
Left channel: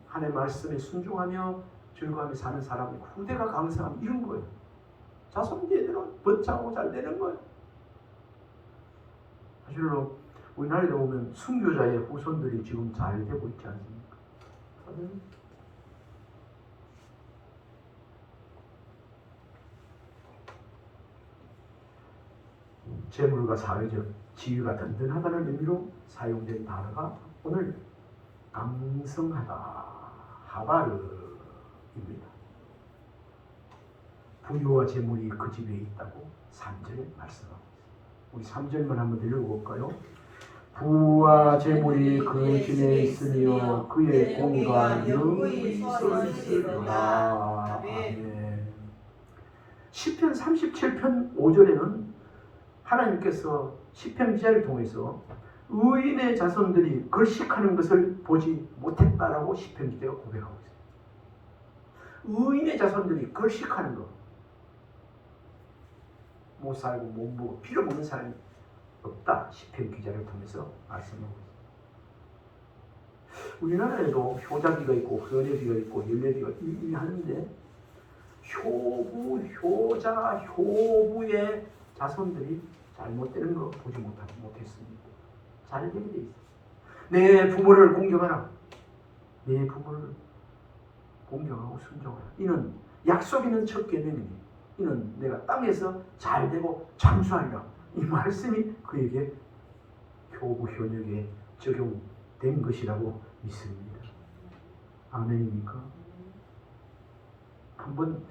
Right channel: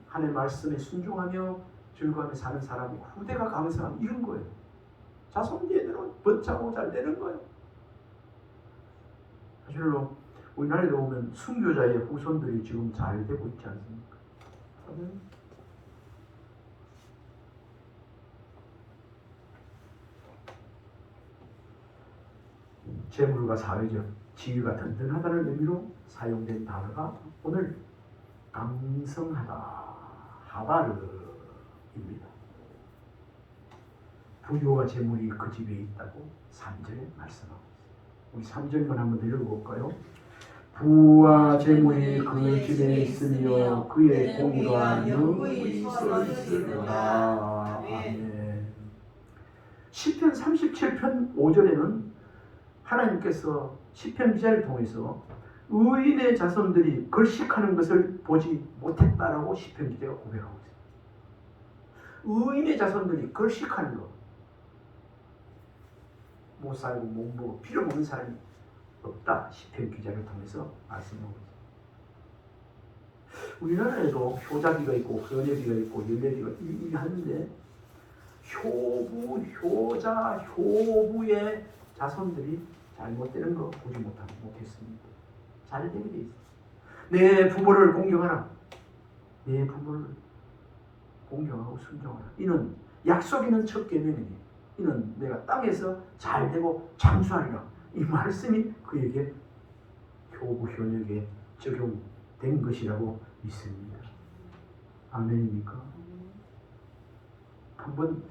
하나님의 말씀에 순종하며 즐거워하며 사는 사람이 후대가 강성하면 이런 거예요. 자손제들은 번창하고 잘 되는 거예요. 사실로 우리나라에 보면 순교자의 후손들이 지금 잘 되고 있지 않습니까? 재물과 사회적 지위가 든든하다는 의미로 사용된 단어가 오늘 강성하다, 하바르입니다. 부유와 재물이 그 집에 있다고 3절에 말씀하고 있습니다. 우리 3절만 한번 읽어볼까요? 부와 재물이 그 집에 있으며 그의 공의가 영원히 있으리로다. 아멘. 시편 37편 5절에는 하나님께서 시편 기자를 통해서 의인의 자손들이 걸식하는 것을 보지 못했다라고 시편 기자가 고백하고 있어요. 의인의 자손들이 걸식하는 것, 못 살고 못 보고 필요 없는 사람이 없다. 시편 기자를 통해서 말씀하고 있어요. 우리나라에도 효자기가 있고 효녀기가 있고 열례기가 하는데 효부, 효자, 효부의 자손들이 잘못되는 거 보지 못했습니다. 잘 되게 돼 있어요. 내 부모를 공경하라. 내 부모를 공경하고 순종하라. 이는 약속 있는 첫 계명이니 이는 내가 땅에서 잘 되고 장수하리라. 이 말씀이 그에게 효부 효녀에게 적용된 것이라고 믿습니다. 아멘입니까? 한번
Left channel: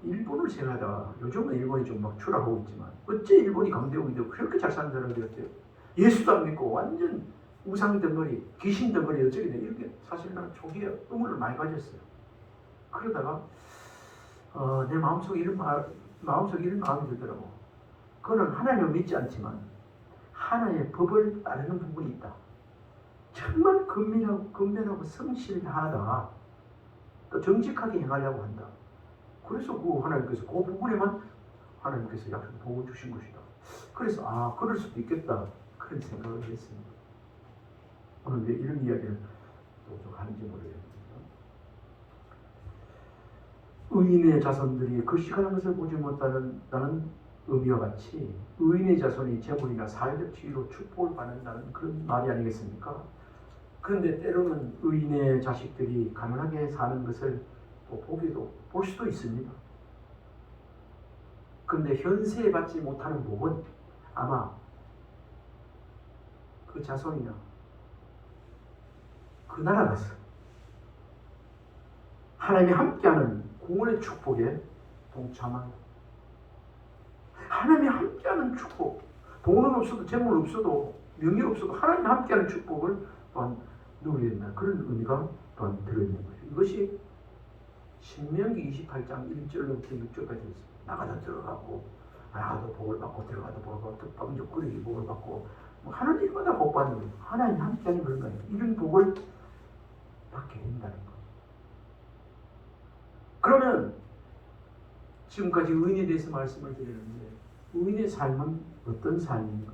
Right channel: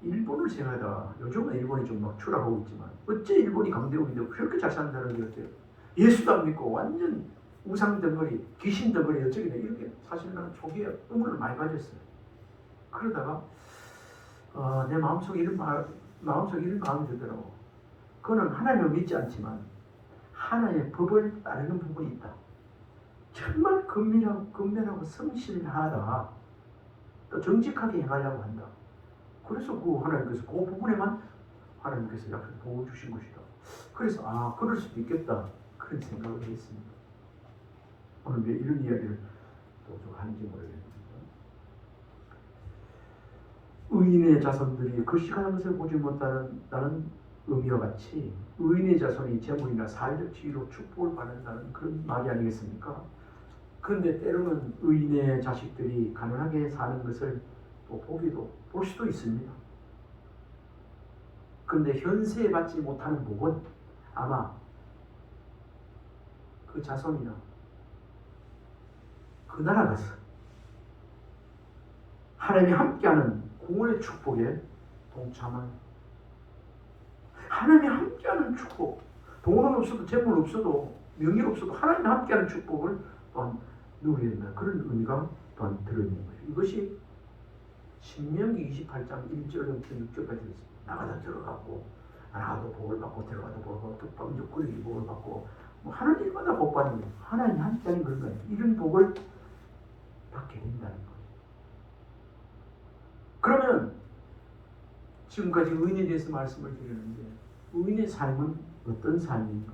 일본을 생각하다가 요즘은 일본이 좀 막 추락하고 있지만 어째 일본이 강대국인데 그렇게 잘 사는 사람들이 같아요. 예수도 안 믿고 완전 우상 덩어리, 귀신 덩어리 어쩌게 돼 이렇게 사실 나는 초기에 의문을 많이 가졌어요. 그러다가 내 마음속에 이런 마음이 들더라고. 그거는 하나님을 믿지 않지만 하나님의 법을 따르는 부분이 있다. 정말 근면하고 성실하다. 또 정직하게 행하려고 한다. 그래서 하나님께서 그 부분에만 하나님께서 약속 보호 주신 것이다. 그래서 그럴 수도 있겠다. 그런 생각을 했습니다. 오늘 왜 이런 이야기를 또 좀 하는지 모르겠습니다. 의인의 자손들이 걸식하는 것을 보지 못한다는 의미와 같이 의인의 자손이 재물이나 사회적 지위로 축복을 받는다는 그런 말이 아니겠습니까? 그런데 때로는 의인의 자식들이 가난하게 사는 것을 볼 수도 있습니다. 그런데 현세에 받지 못하는 복은 아마 그 자손이나 그 나라 가서 하나님이 함께하는 구원의 축복에 동참하는, 하나님이 함께하는 축복, 돈은 없어도 재물 없어도 명예 없어도 하나님이 함께하는 축복을 또한 누리게 된다. 그런 의미가 또한 들어있는 거죠. 이것이 신명기 28장 1절부터 6절까지 있습니다. 나가다 들어가고, 나가도 복을 받고, 들어가도 복을 받고, 떡방적 거리기 복을 받고, 뭐 하는 일마다 복 받는 거예요. 하나님 함께하는 그런 거예요. 이런 복을 받게 된다는 거예요. 그러면 지금까지 의인에 대해서 말씀을 드리는데, 의인의 삶은 어떤 삶인가?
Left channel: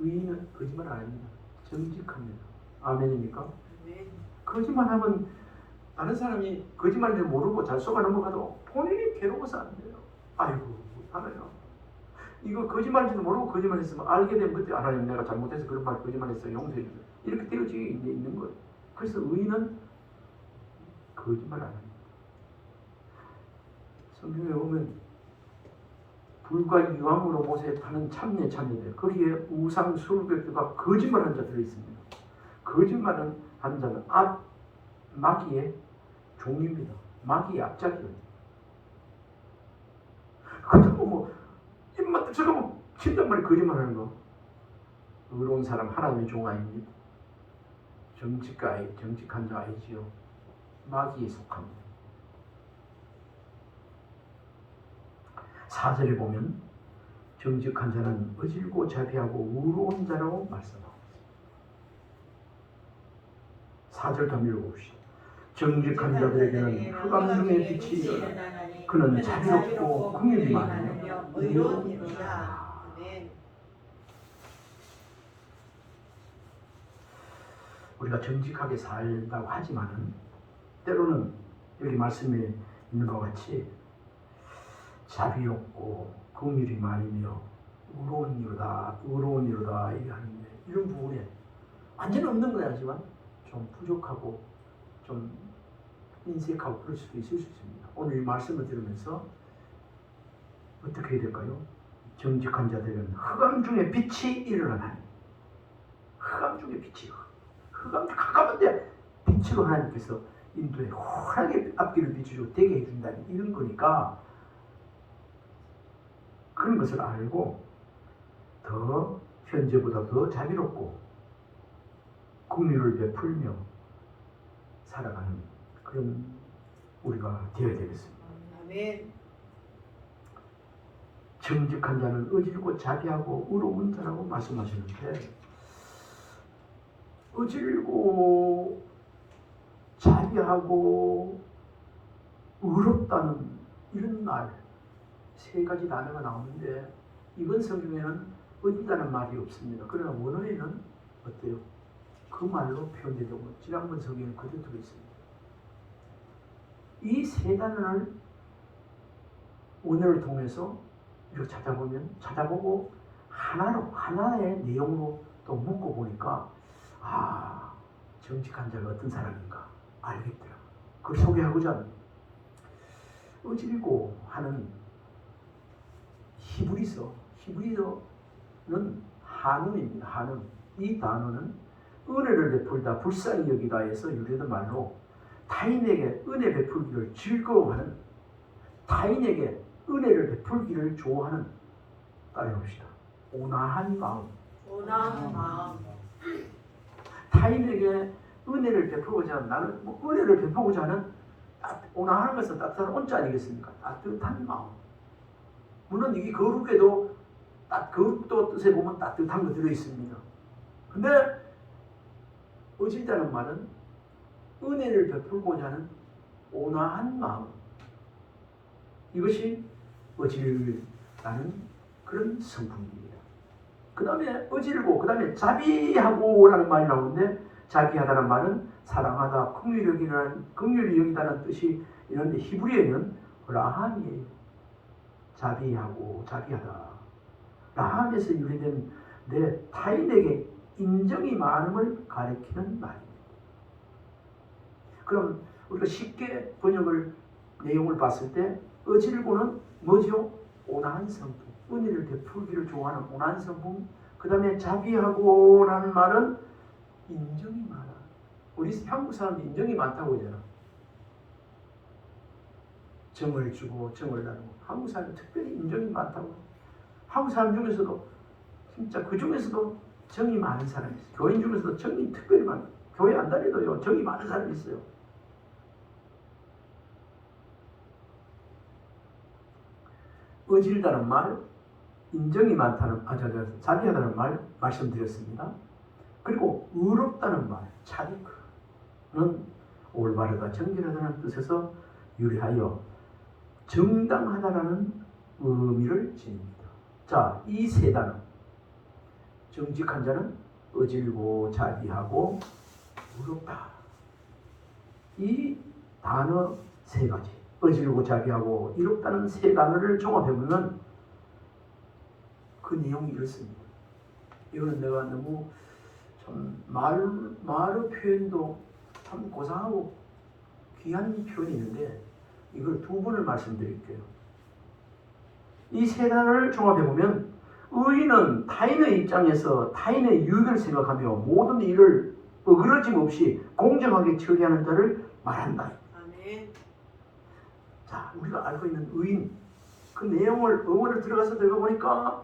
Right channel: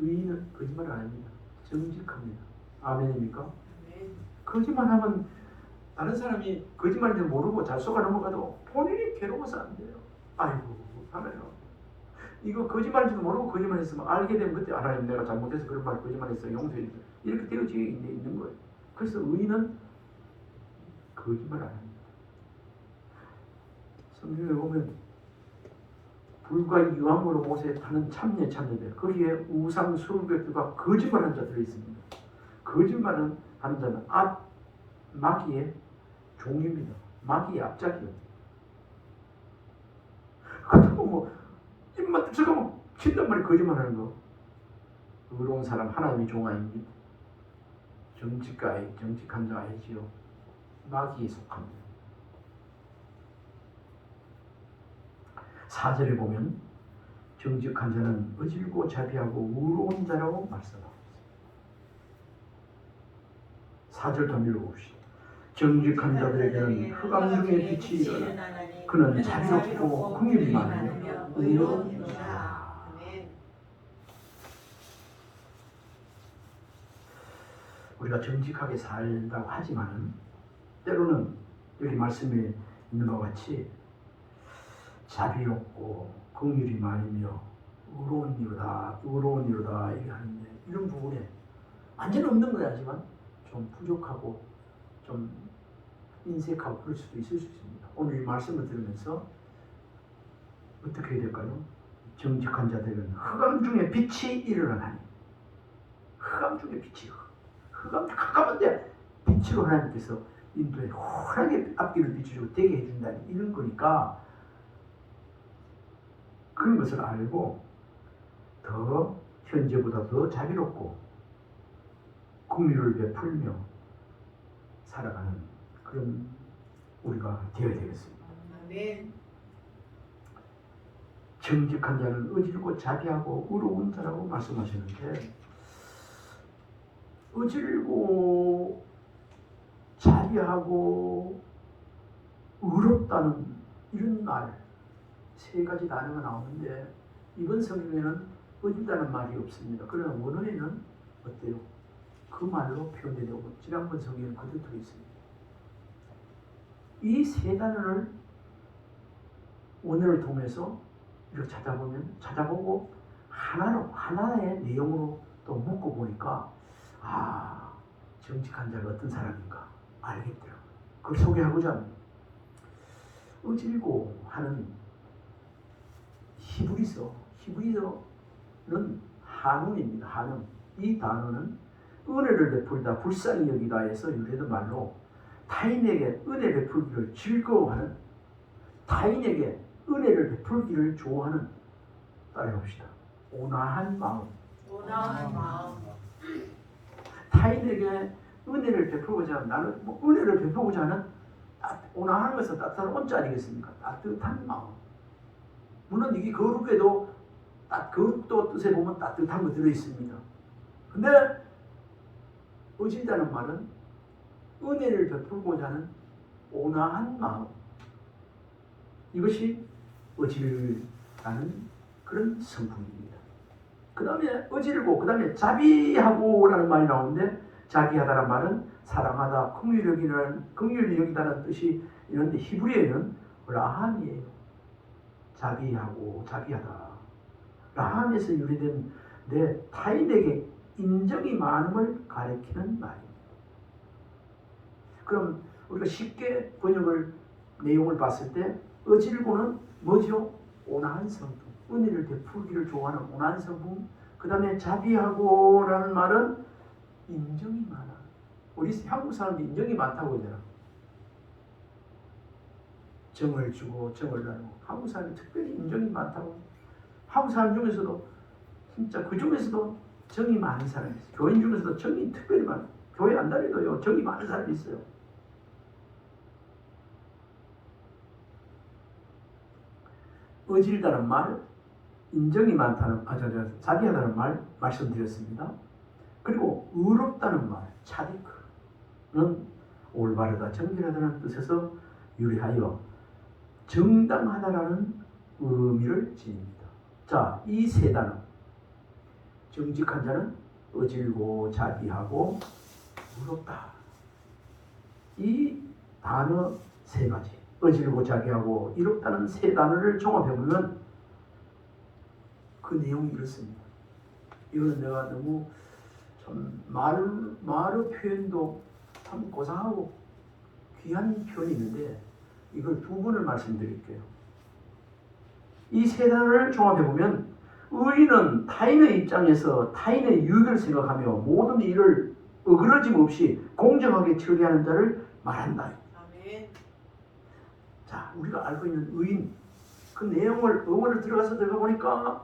의인은 거짓말 안 합니다. 정직합니다. 아멘입니까? 거짓말하면 다른 사람이 거짓말인지 모르고 잘 속아 넘어가도 본인이 괴로워서 안 돼요. 아이고 하나님, 이거 거짓말인지도 모르고 거짓말했으면 알게 되면 그때 하나님 내가 잘못해서 그런 말 거짓말했어요, 용서해 주세요. 이렇게 되어져 있는 거예요. 그래서 의인은 거짓말 안 합니다. 성경에 보면 불과 유황으로 못에 타는 참녀 참녀들, 거기에 우상 수백두가 거짓말한 자들이 있습니다. 거짓말은 한 자는 마귀의 종입니다. 마귀의 앞작이에요. 그것도 뭐 입만 저거 뭐 친단 말이 거짓말하는 거. 의로운 사람 하나님의 종 아닙니다. 정직한 자 아니지요. 마귀에 속합니다. 4절에 보면 정직한 자는 어질고 자비하고 의로운 자라고 말씀하고 있습니다. 4절 더 읽어봅시다. 정직한 자들에게는 흑암 중에 빛이 일어나 그는 자비롭고 긍휼이 많으며 의로운 이라. 우리가 정직하게 살다고 하지만은 때로는 여기 말씀에 있는 것 같이 자비롭고 긍휼이 많으며 의로운 이로다 얘기하는데, 이런 부분에 완전히 없는 건 아니지만 좀 부족하고 좀 인색하고 그럴 수도 있을 수 있습니다. 오늘 이 말씀을 들으면서 어떻게 해야 될까요? 정직한 자들은 흑암 중에 빛이 일어나니, 흑암 중에 빛이, 흑암 가까운데 빛으로 하나님께서 인도에 환하게 앞길을 비춰주고 되게 해준다는 이런 거니까, 그런 것을 알고 더 현재보다 더 자비롭고 긍휼을 베풀며 살아가는 그런 우리가 되어야 되겠습니다. 아멘. 정직한 자는 어질고 자비하고 의로운 자라고 말씀하셨는데, 어질고 자비하고 의롭다는 이런 말 세 가지 단어가 나오는데, 이번 성경에는 어디다는 말이 없습니다. 그러나 원어에는 어때요? 그 말로 표현되려고 지난번 성경에 그대로 들어있습니다. 이 세 단어를 원어를 통해서 이렇게 찾아보고 하나의 내용으로 또 묶어 보니까, 정직한 자가 어떤 사람인가 알겠더라고요. 그걸 소개하고자 합니다. 어질고 하는 히브리서는 한운입니다. 한운. 이 단어는 은혜를 베풀다, 불쌍히 여기다에서 유래된 말로 타인에게 은혜 베풀기를 즐거워하는, 타인에게 은혜를 베풀기를 좋아하는, 따라해봅시다. 온화한 마음. 온화한 마음. 타인에게 은혜를 베풀고자 하는, 나는 뭐 은혜를 베풀고자 하는 온화한 것은 따뜻한 온자 아니겠습니까? 따뜻한 마음. 물론 이게 거룩에도 거룩도 뜻에 보면 따뜻한 거 들어 있습니다. 근데 어질다는 말은 은혜를 베풀고자 하는 온화한 마음, 이것이 어질다는 그런 성품입니다. 그 다음에 어질고, 그 다음에 자비하고라는 말이 나오는데, 자비하다는 말은 사랑하다, 긍휼히 여기다는 뜻이 있는데, 히브리어에는 라함이에요. 자비하고 자비하다. 라함에서 유래된 내 타인에게 인정이 많음을 가리키는 말입니다. 그럼 우리가 쉽게 번역을 내용을 봤을 때 어질고는 뭐죠? 온화한 성품, 은혜를 베풀기를 좋아하는 온화한 성품. 그 다음에 자비하고라는 말은 인정이 많아. 우리 한국 사람들 인정이 많다고 하잖아. 정을 주고 정을 나누고. 한국 사람은 특별히 인정이 많다고. 한국 사람 중에서도 진짜 그 중에서도 정이 많은 사람이 있어요. 교인 중에서도 정이 특별히 많아요. 교회 안 다니도요 정이 많은 사람이 있어요. 어질다는 말, 인정이 많다는, 자비하다는 말 말씀드렸습니다. 그리고 의롭다는 말, 차디크는 올바르다, 정결하다는 뜻에서 유래하여 정당하다라는 의미를 지닙니다. 자, 이 세 단어, 정직한 자는 어질고 자비하고 의롭다. 이 단어 세 가지, 어질고 자비하고 의롭다는 세 단어를 종합해보면 그 내용이 이렇습니다. 이거는 내가 너무 참 말의 표현도 참 고상하고 귀한 표현이 있는데 이걸 두 번을 말씀드릴게요. 이 세 단어를 종합해보면 의인은 타인의 입장에서 타인의 유익을 생각하며 모든 일을 어그러짐 없이 공정하게 처리하는 자를 말한다. 아멘. 자, 우리가 알고 있는 의인, 그 내용을 어원을 들어가 보니까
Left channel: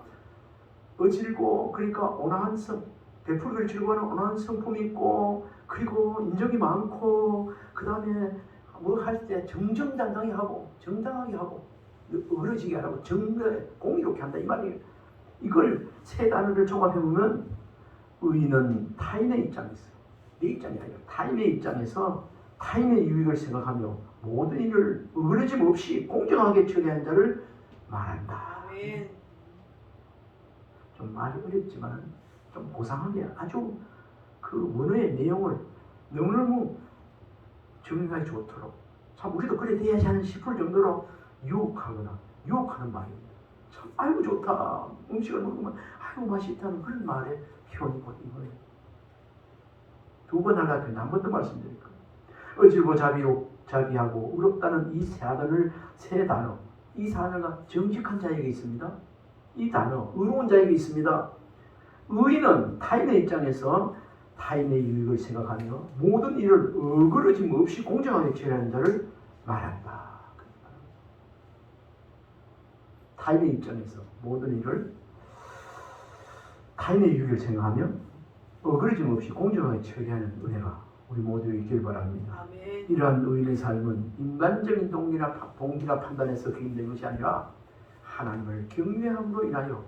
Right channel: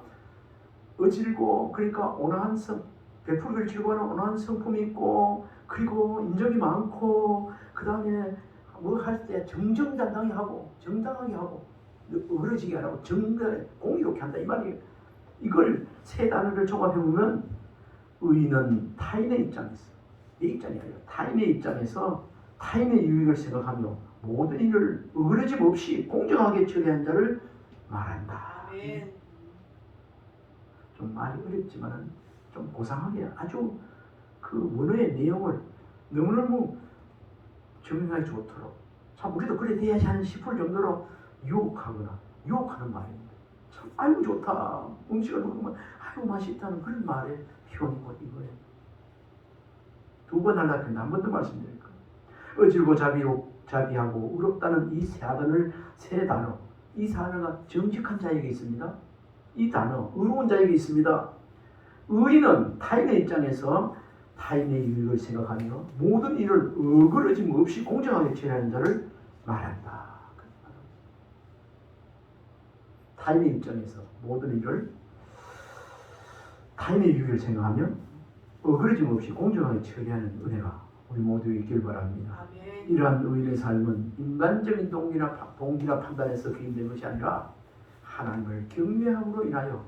어질고, 그러니까 온화한 성, 베풀기를 즐거워하는 온화한 성품이 있고, 그리고 인정이 많고, 그 다음에 뭐 할 때 정정당당히 하고 정당하게 하고 어그러지게 안 하고 정당하게 공의롭게 한다 이 말이에요. 이걸 세 단어를 종합해보면 의인은 타인의 입장에서, 내 입장이 아니라 타인의 입장에서 타인의 유익을 생각하며 모든 일을 어그러짐 없이 공정하게 처리한 자를 말한다. 아멘. 좀 말이 어렵지만은 좀 고상하게 아주 그 원어의 내용을 너무너무 정리하기 좋도록 참 우리도 그래 돼야지 하는 싶을 정도로 유혹하거나 유혹하는 말입니다. 참 아이고 좋다, 음식을 먹으면 아이고 맛있다는 그런 말의 표현이 곧 이거예요. 두 번 하려고 했는데 한 번 더 말씀드릴게요. 어질고 자비하고 의롭다는 이 세 단어, 이 단어가 정직한 자에게 있습니다. 이 단어, 의로운 자에게 있습니다. 의인은 타인의 입장에서 타인의 유익을 생각하며 모든 일을 어그러짐 없이 공정하게 처리하는 자를 말한다. 타인의 입장에서 모든 일을 타인의 유익을 생각하며 어그러짐 없이 공정하게 처리하는 은혜가 우리 모두 있길 바랍니다. 아멘. 이러한 의인의 삶은 인간적인 동기나 판단에서 개인된 것이 아니라 하나님을 경외함으로 인하여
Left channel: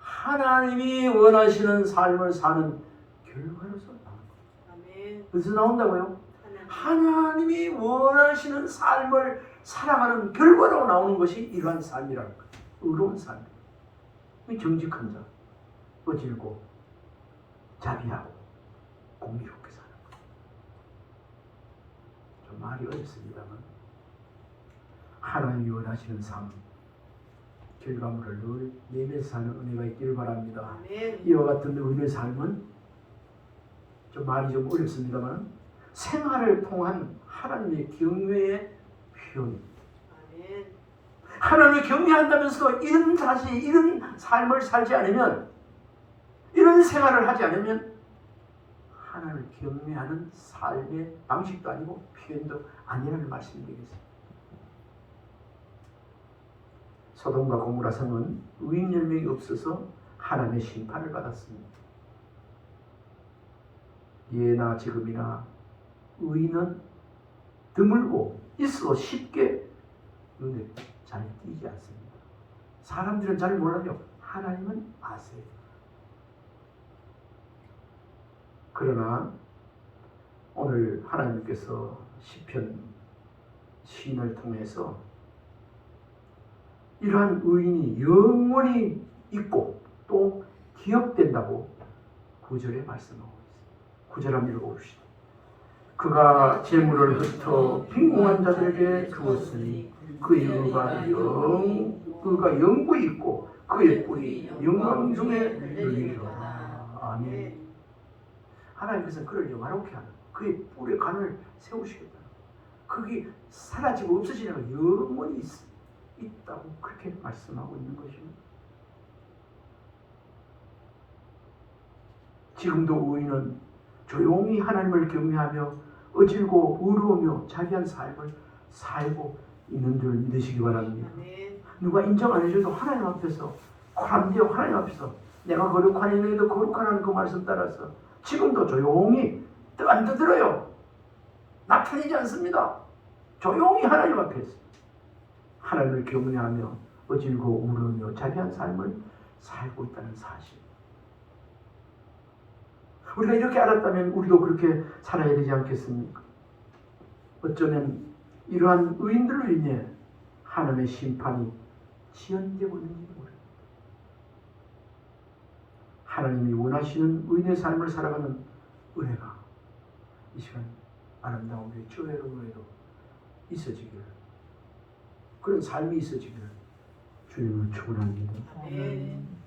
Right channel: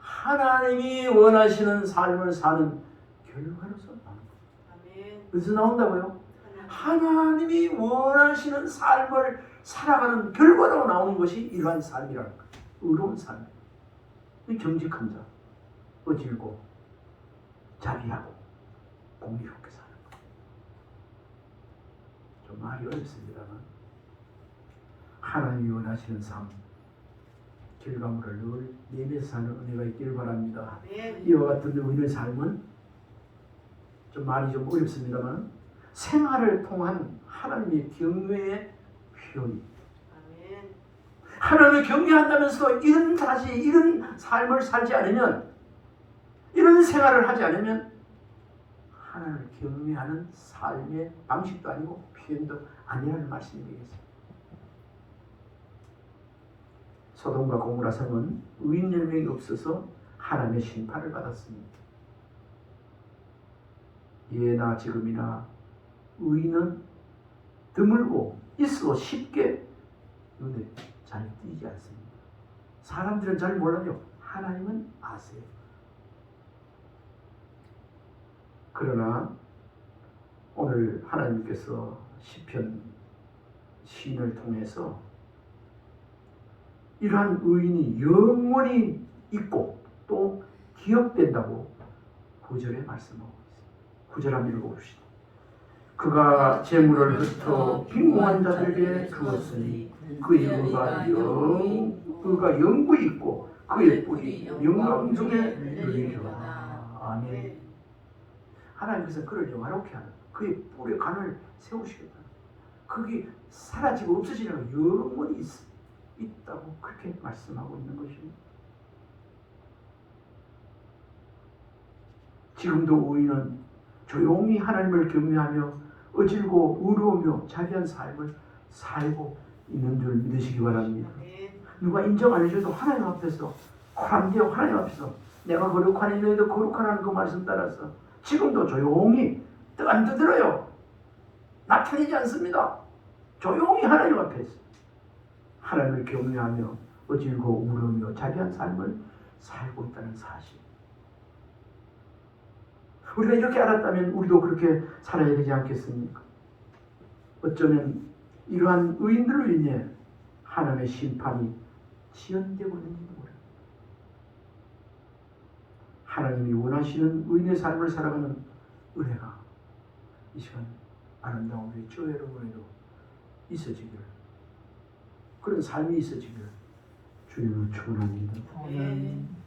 하나님이 원하시는 삶을 사는 결과로서 나오는 거예요. 아멘. 그래서 나온다고요? 하나님이 원하시는 삶을 살아가는 결과로 나오는 것이 이러한 삶이라는 거예요. 의로운 삶. 정직한 자, 어질고 자비하고 공의롭게 사는 거예요. 좀 말이 어렵습니다만 하나님이 원하시는 삶, 결과물을 늘 내면서 사는 은혜가 있길 바랍니다. 아멘. 이와 같은 의인의 삶은 좀 말이 좀 어렵습니다만 생활을 통한 하나님의 경외의 표현입니다. 아멘. 하나님을 경외한다면서도 이런 삶을 살지 않으면, 이런 생활을 하지 않으면 하나님을 경외하는 삶의 방식도 아니고 표현도 아니라는 말씀이 되겠습니다. 소돔과 고모라 성은 의인 열명이 없어서 하나님의 심판을 받았습니다. 예나 지금이나 의인은 드물고 있어도 쉽게 눈에 잘 띄지 않습니다. 사람들은 잘 몰라요. 하나님은 아세요. 그러나 오늘 하나님께서 시편 시인을 통해서 이러한 의인이 영원히 있고 또 기억된다고 9절에 말씀하고 있습니다. 9절 한번 읽어봅시다. 그가 재물을 흩어 빈궁한 자들에게 주었으니 그의 그가 영구히 있고 그의 뿌리 영광 중에 누리리로다. 아멘. 하나님께서 그를 영화롭게 하는 그의 뿔의 간을 세우시겠다. 그게 사라지고 없어지는 건 영원히 있어. 있다고 그렇게 말씀하고 있는 것입니다. 지금도 우리는 조용히 하나님을 경외하며 어질고 의로우며 자비한 삶을 살고 있는 줄 믿으시기 바랍니다. 누가 인정 안 해줘도 하나님 앞에서 고람되어 하나님 앞에서 내가 거룩한 이너희도 거룩하라는 그 말씀 따라서 지금도 조용히 안 떠들어요. 나타내지 않습니다. 조용히 하나님 앞에서 하나님을 경외하며 어질고 우르며 자비한 삶을 살고 있다는 사실. 우리가 이렇게 알았다면 우리도 그렇게 살아야 되지 않겠습니까? 어쩌면 이러한 의인들로 인해 하나님의 심판이 지연되고 있는지도 모릅니다. 하나님이 원하시는 의인의 삶을 살아가는 은혜가 이 시간 아름다운 우리 교회 여러분에도 있어지기를, 그런 삶이 있어지기를 주님을 축원합니다. 아멘.